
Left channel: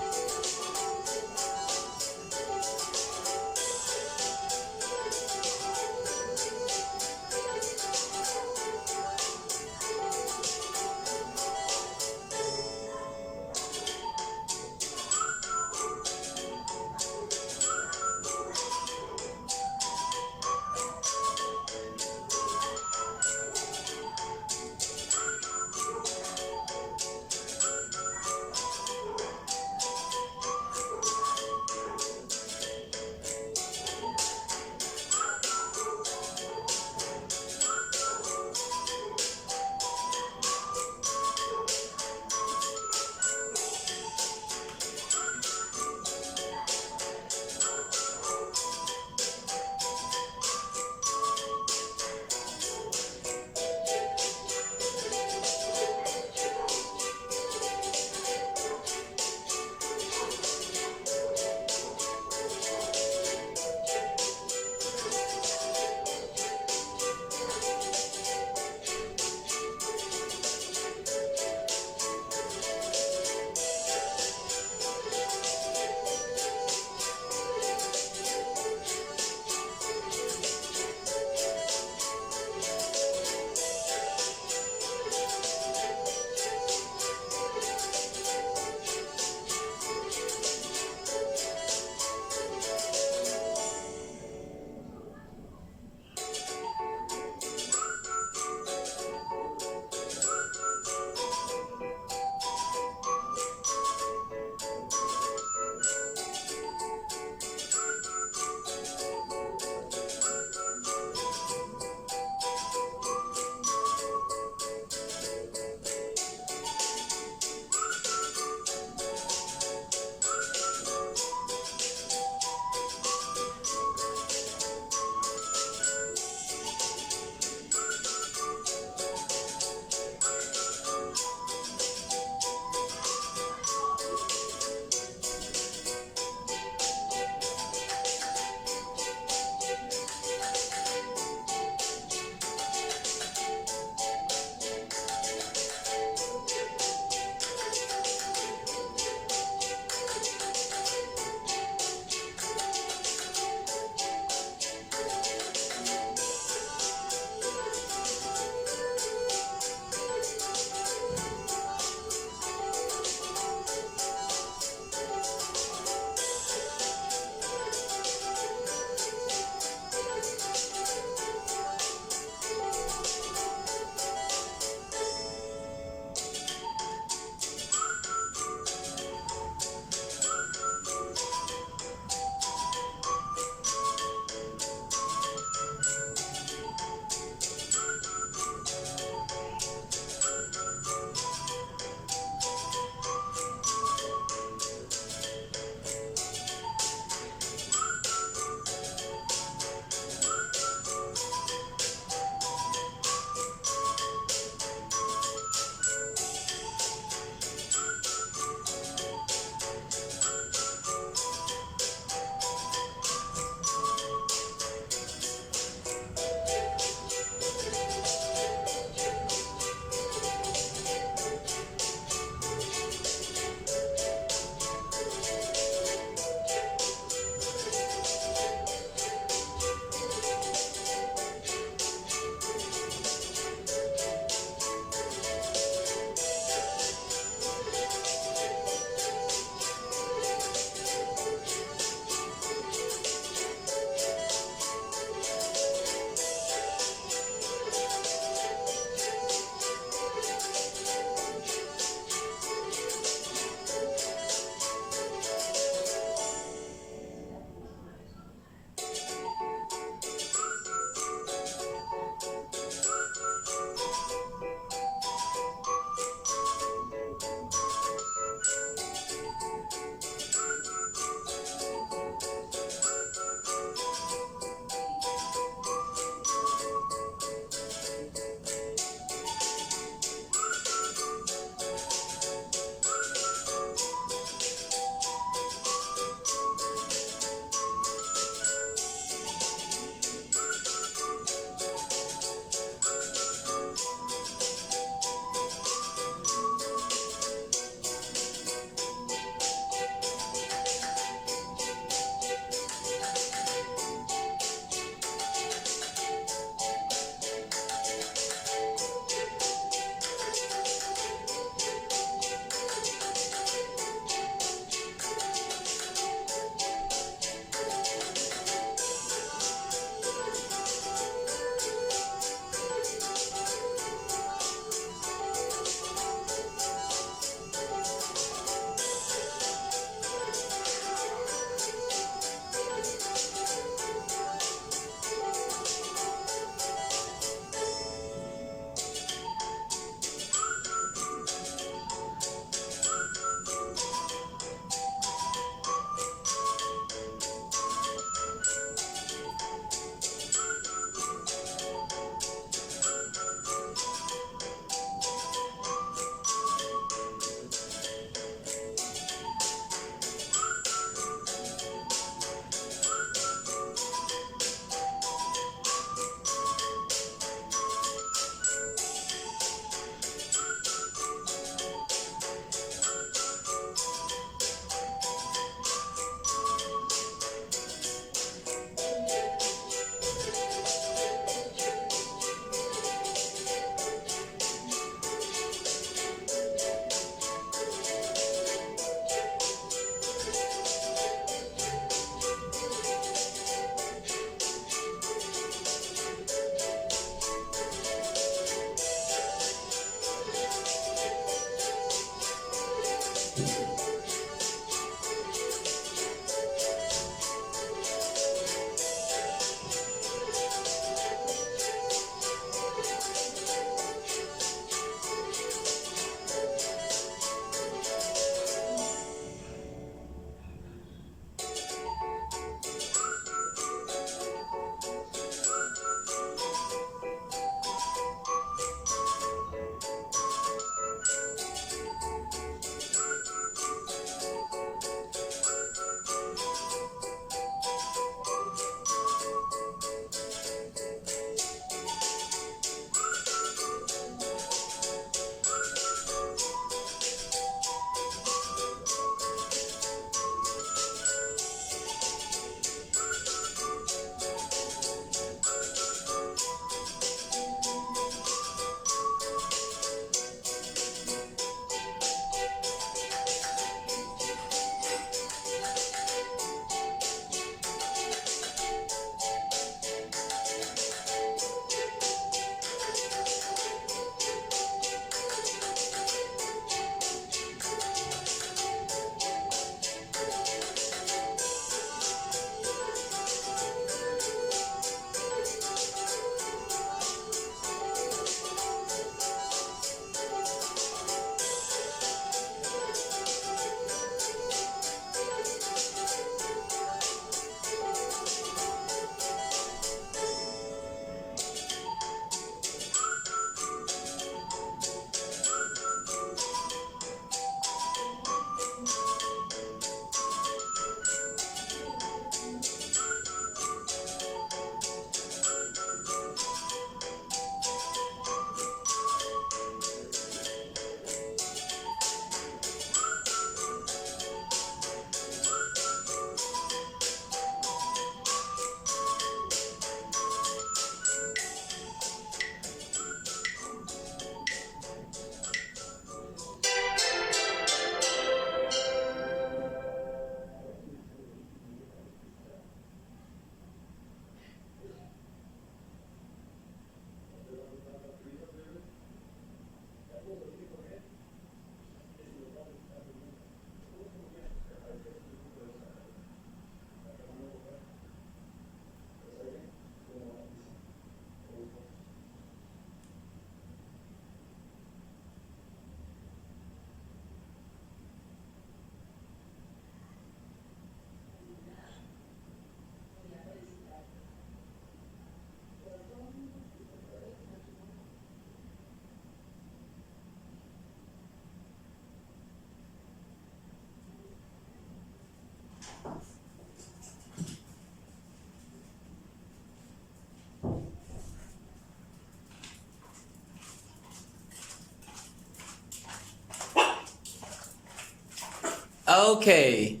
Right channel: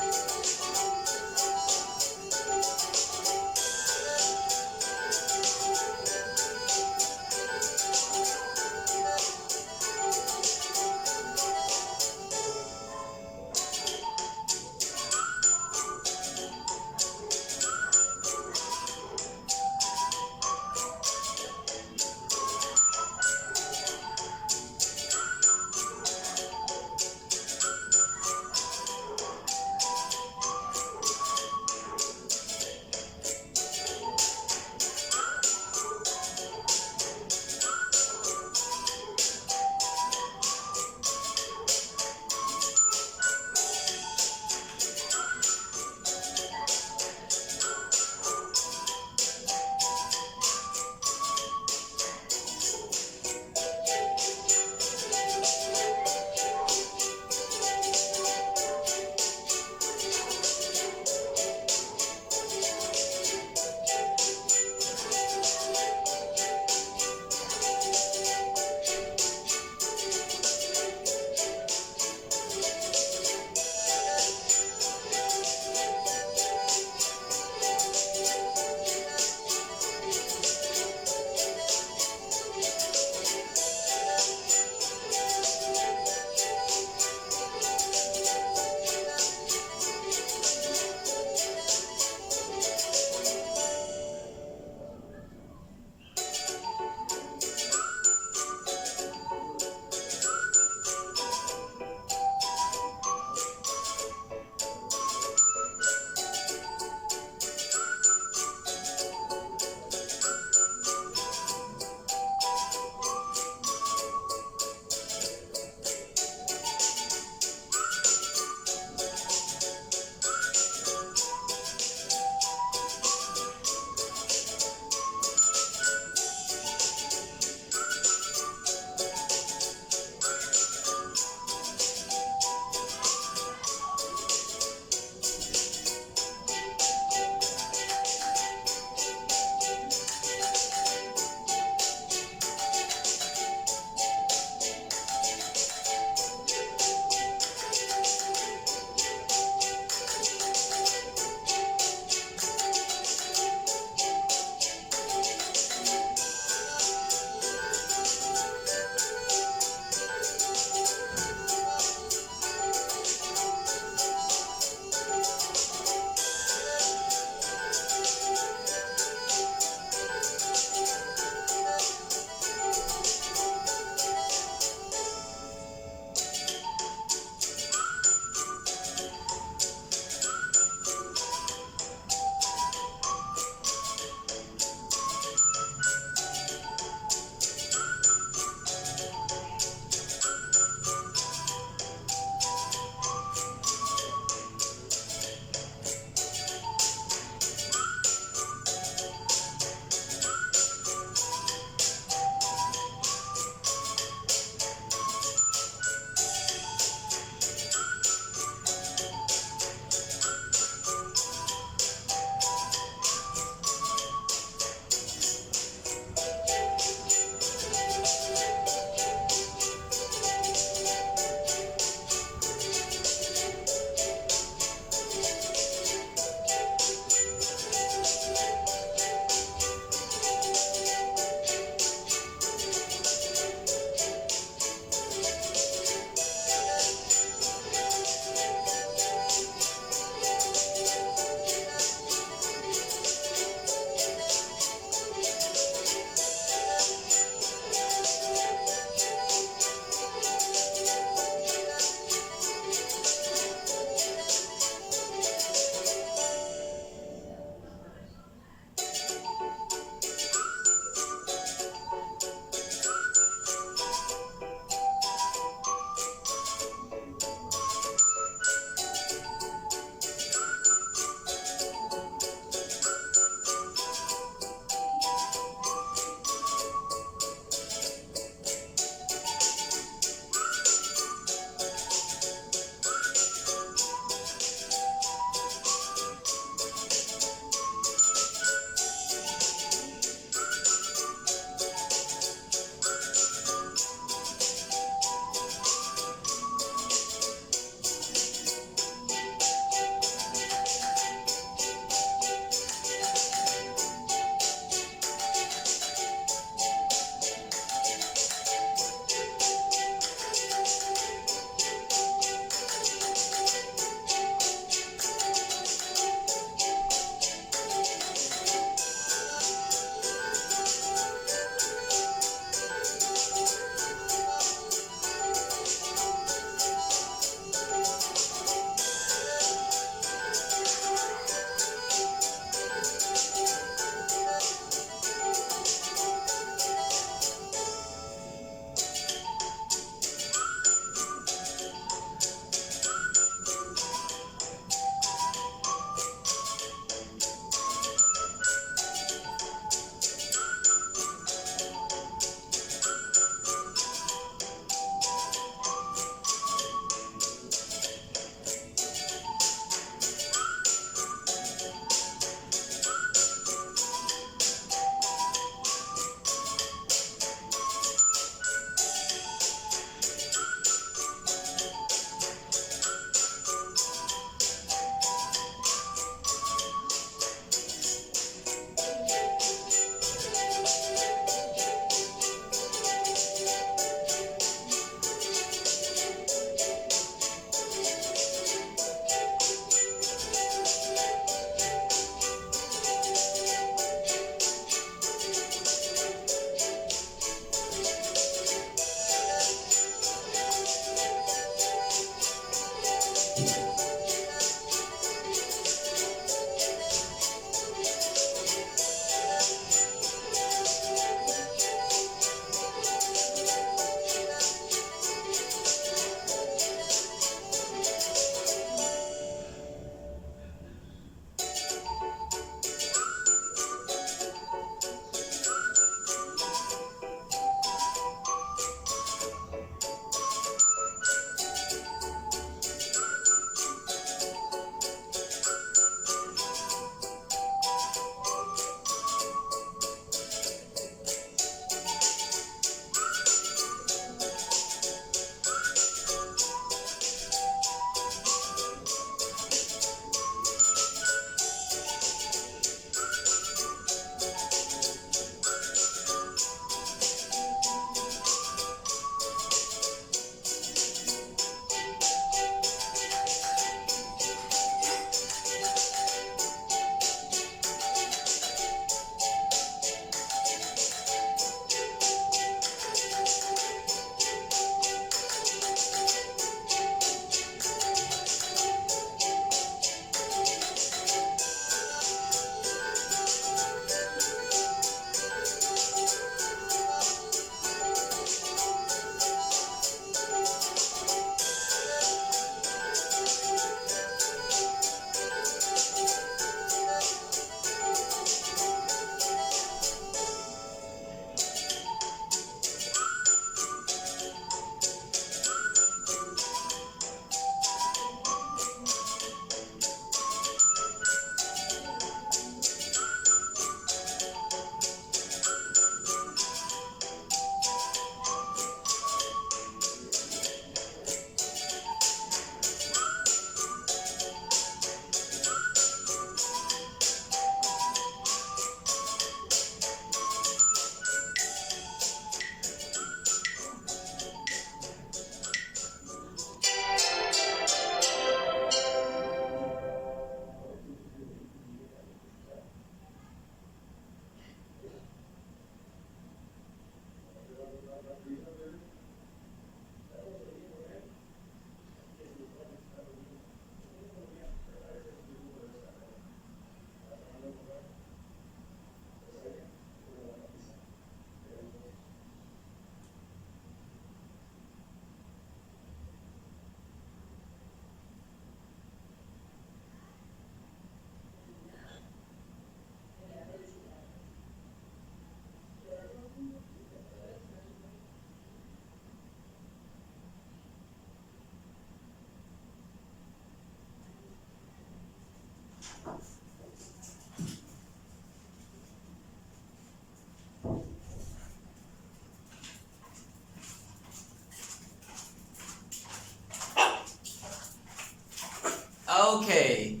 Okay.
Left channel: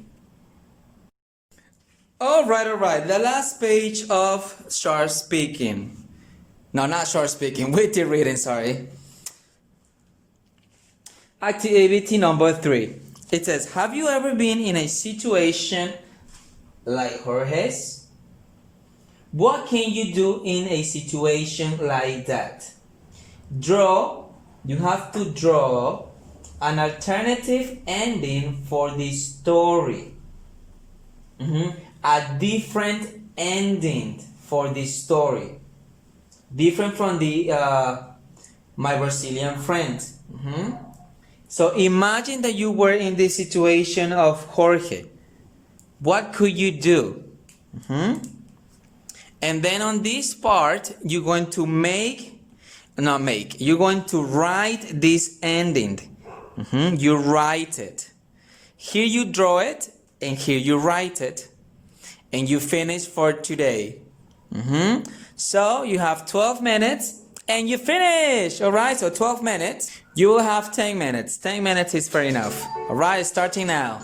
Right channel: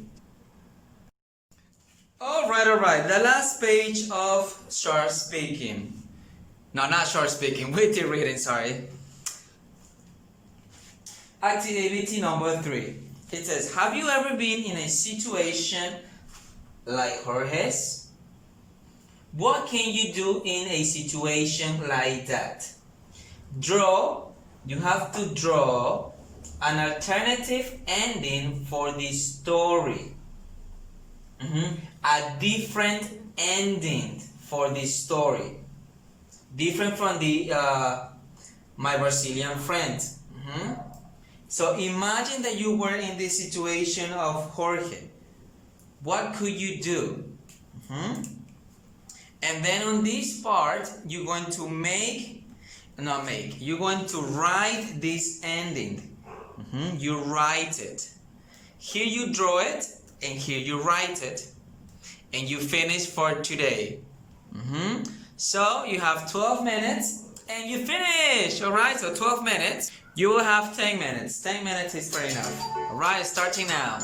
All right. The last page of short speaking. No, not short speaking. Witty reading. Sorry. Activity number 3. It says, have you ever been in a situation like Jorge's? What can you do in a situation like that? You have to draw an alternative ending for the story. A different ending for the story. Different from the my Brazilian friend. So imagine that you were in the situation of Jorge. What could you do? And then on this part, you're going to you're going to write this ending. You write it. Here you draw it, and here you write it. And you finish for today. So you have 12 minutes, and you finish. Alright, so 12 minutes. You will have 10 minutes. 10 minutes is fair enough. Alright, starting now.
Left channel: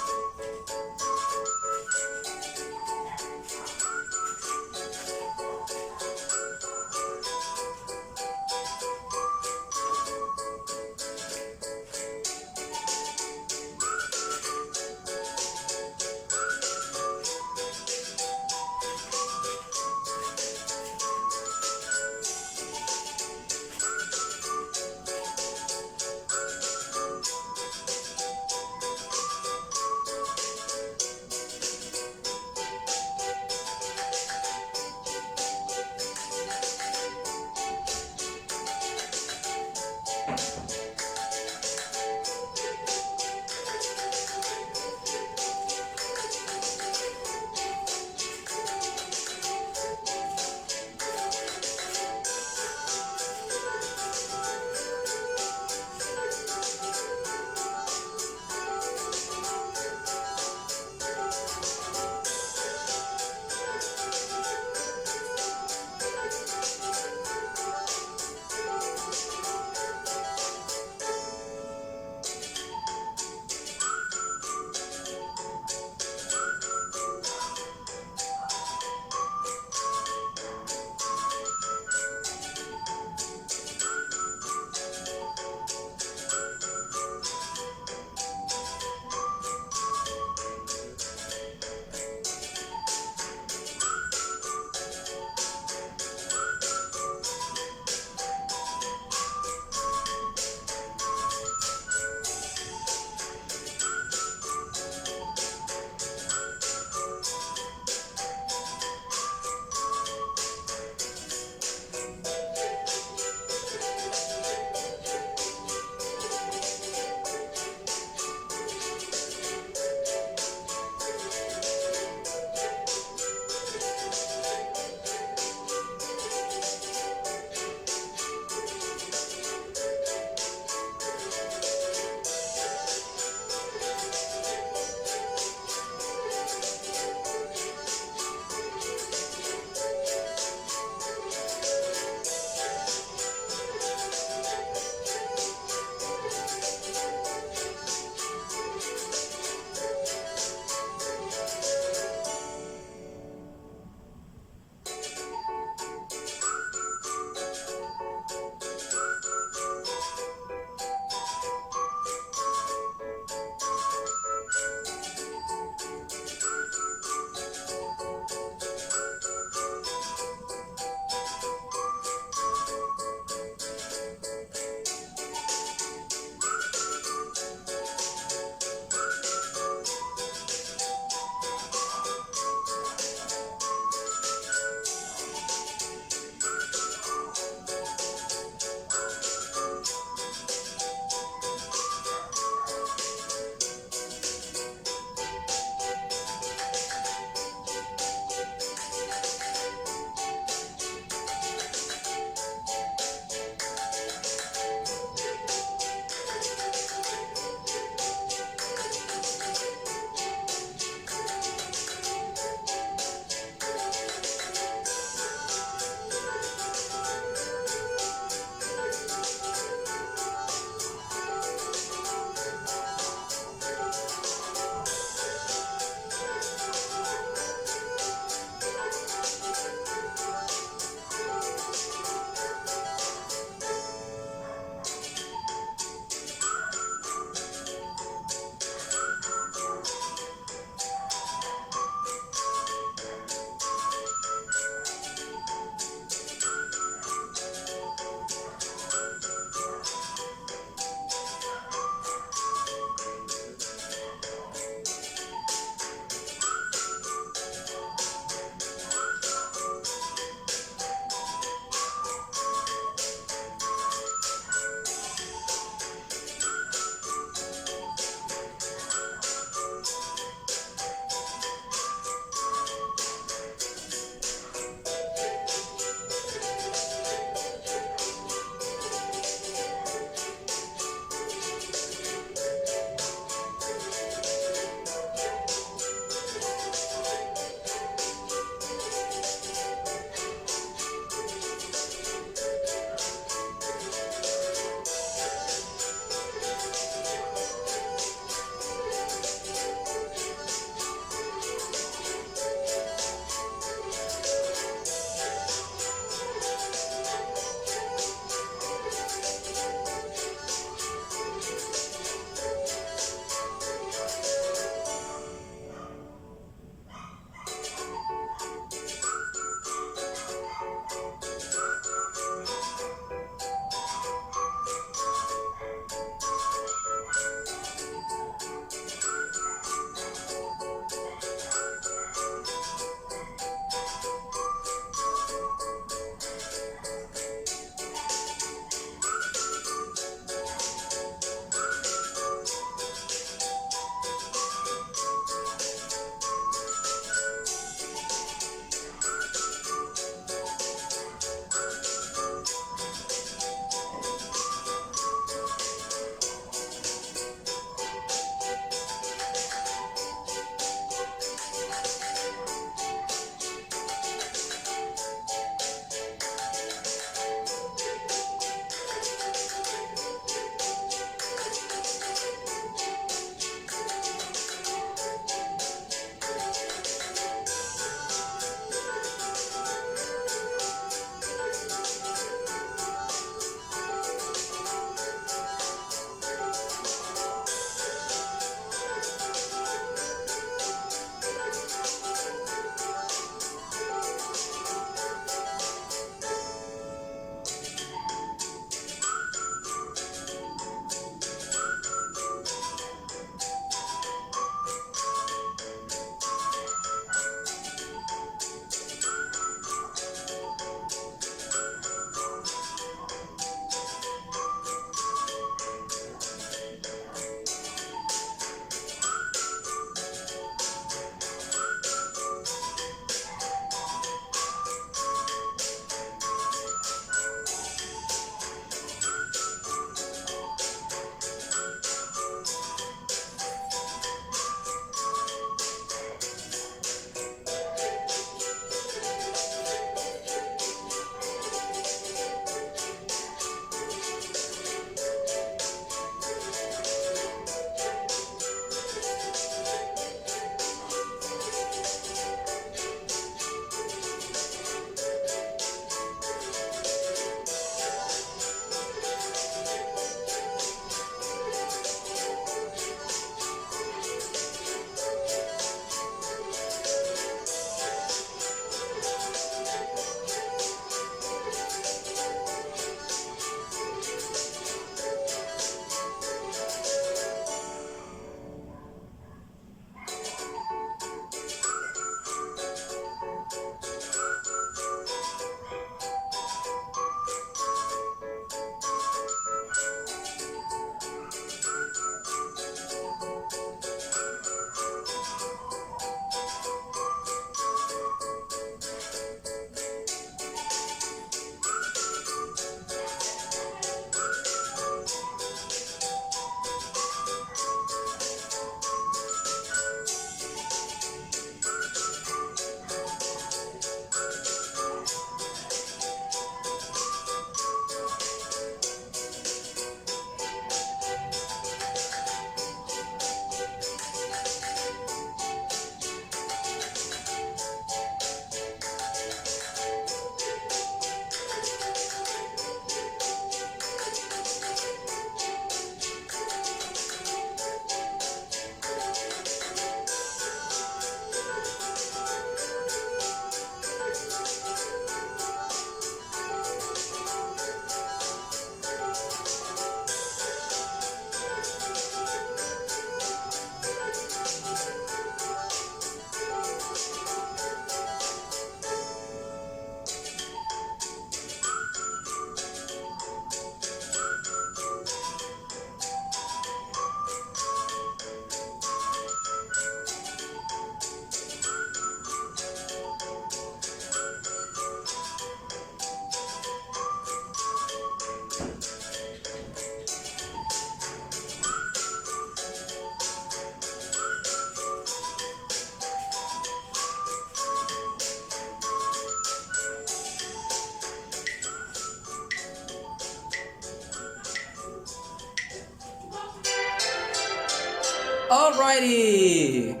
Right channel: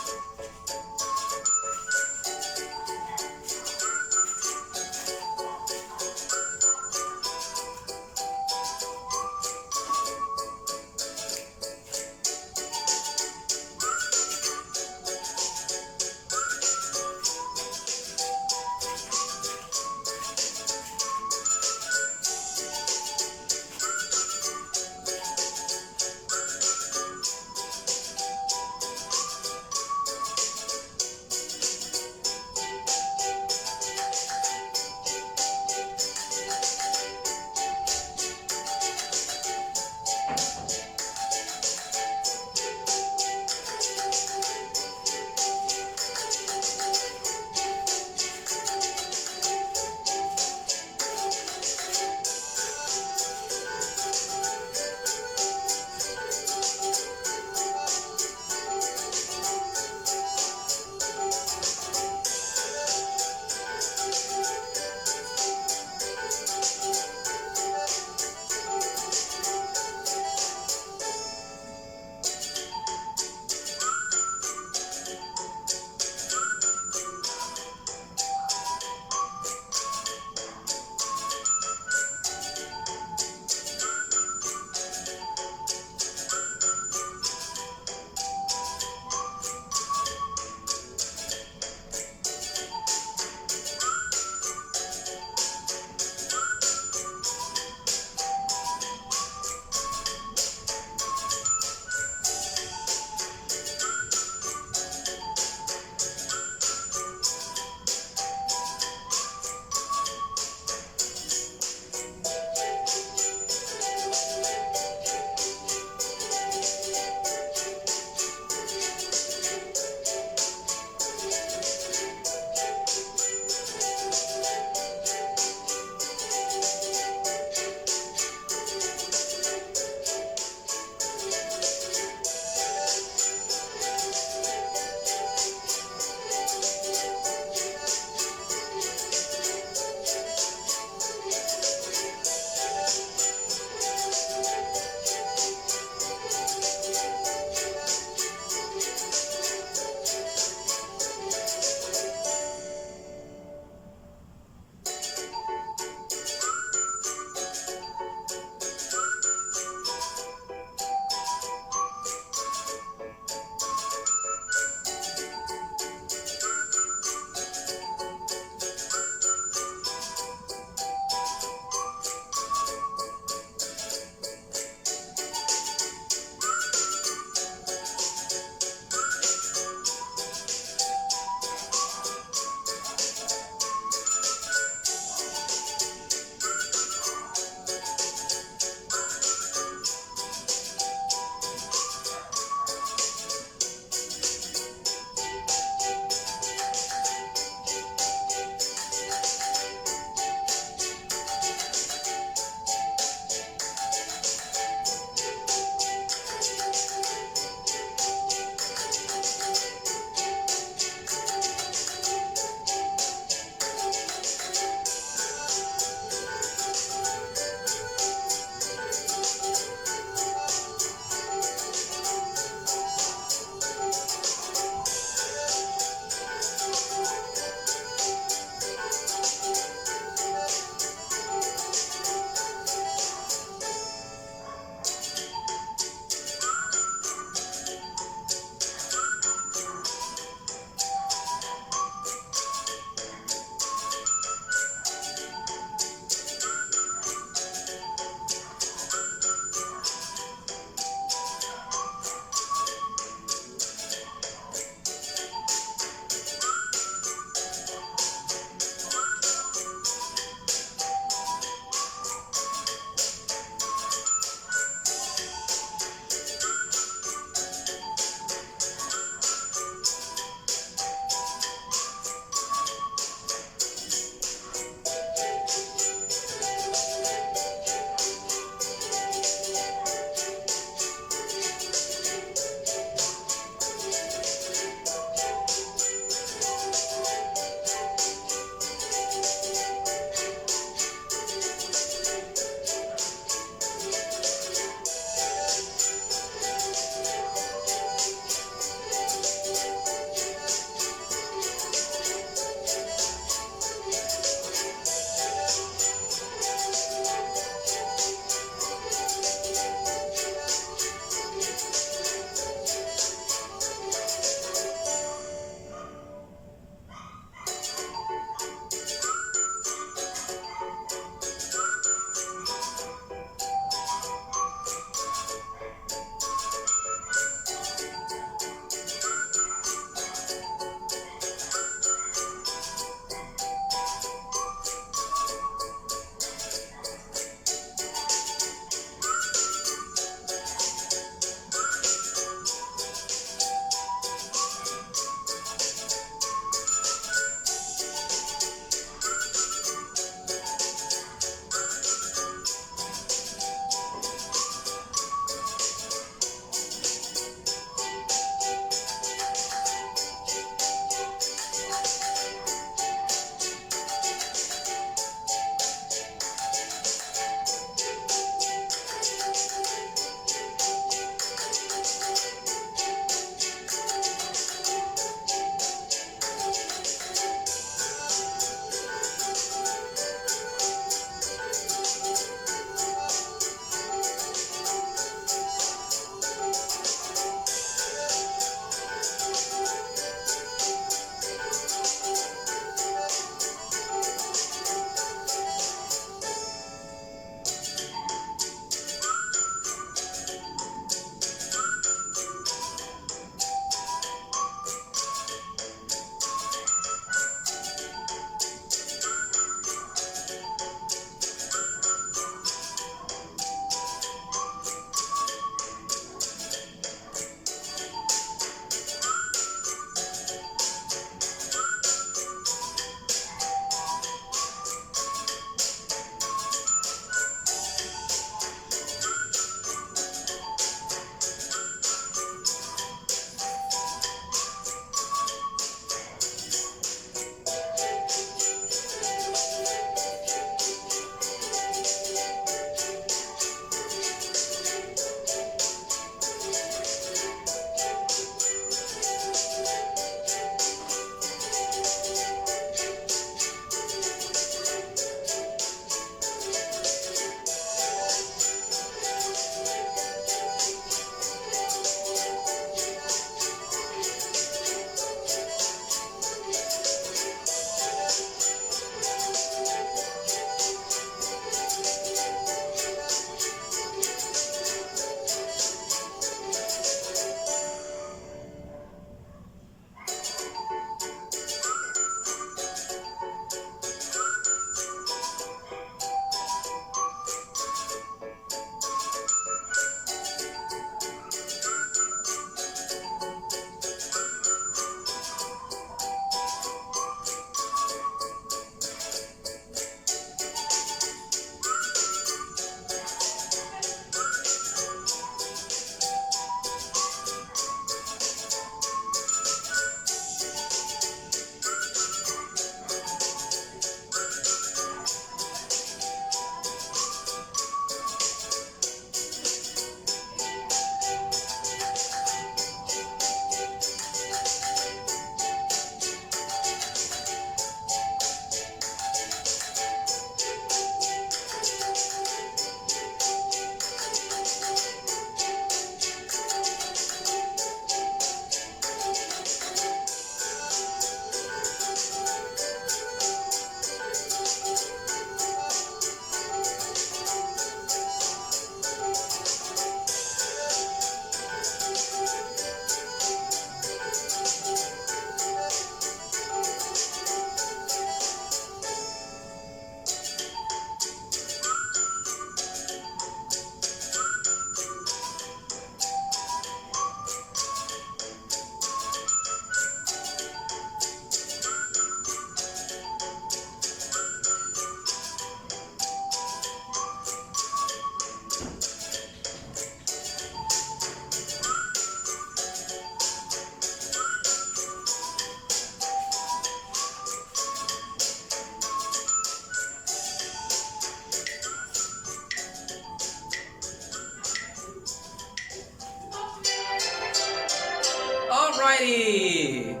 Alrighty.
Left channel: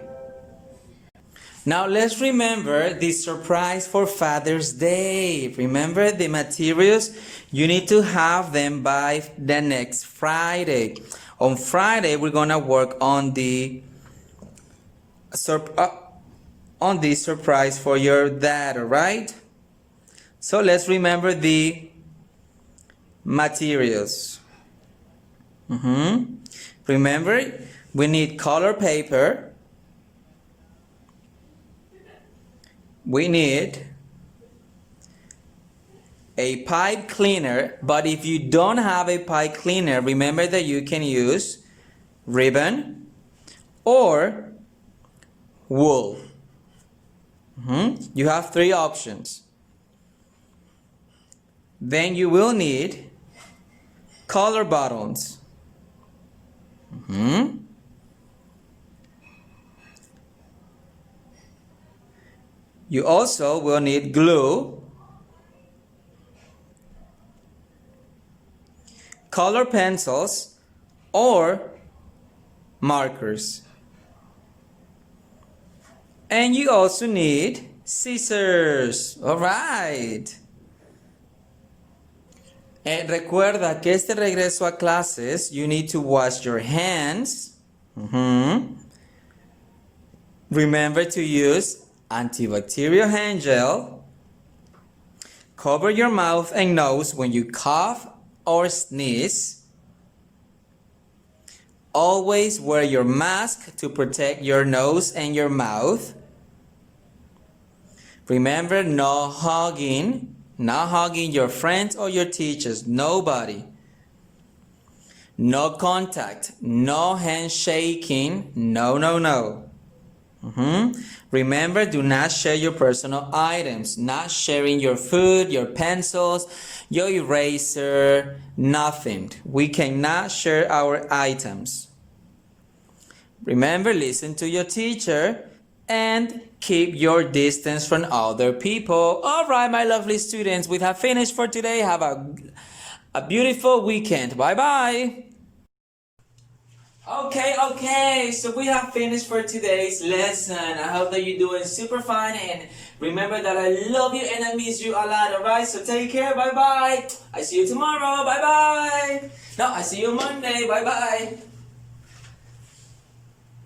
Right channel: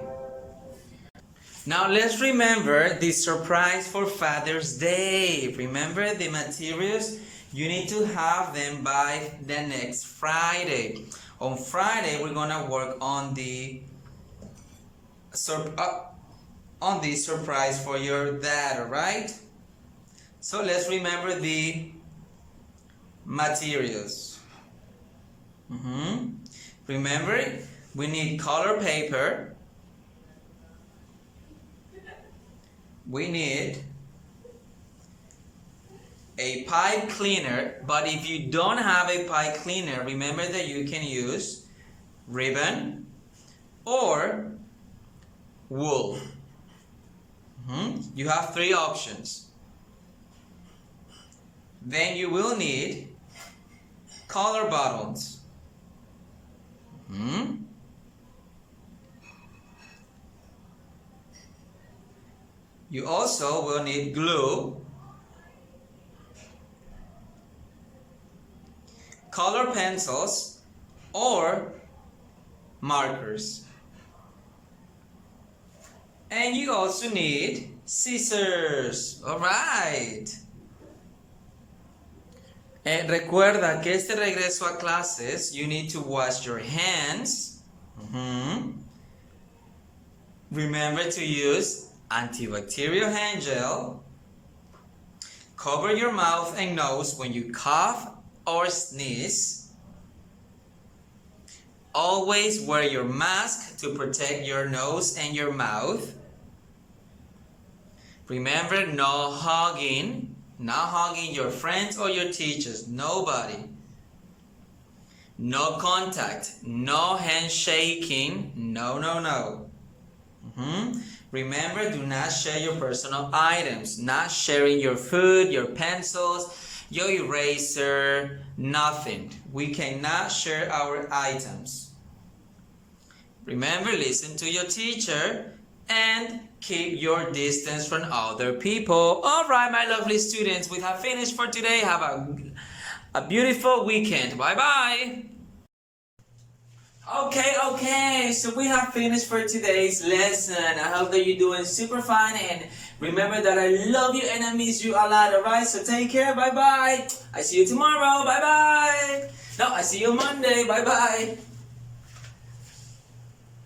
Now let's remember the surprise for Father's Day. Remember the materials? You need to have them by the next Friday. On Friday, we're gonna work on the surprise for your dad, alright? So let's remember the materials. Remember, we need color paper. We need a pipe cleaner, but if you don't have a pipe cleaner, remember that you can use ribbon or wool. You have 3 options. Then you will need color buttons. You also will need glue, color pencils, or markers. And you also need scissors. Alright. Recuerda que este regreso a clases, you need to wash your hands. Remember to use antibacterial hand gel. Cover your mouth and nose when you cough or sneeze. Always wear your mask to protect your nose and your mouth. Remember, no hugging. Not hugging your friends or your teachers. Nobody. No contact. No handshaking. No, no, no. Remember, do not share your personal items. Not sharing your food, your pencils, your eraser, nothing. We cannot share our items. Remember, listen to your teacher and keep your distance from other people. Alright, my lovely students, we have finished for today. Have a beautiful weekend. Bye-bye. Okay, so we have finished for today's lesson. I hope that you're doing super fine, and remember that I love you and I miss you a lot, alright? So take care, bye-bye. I see you tomorrow, bye-bye. No, I see you Monday, bye-bye.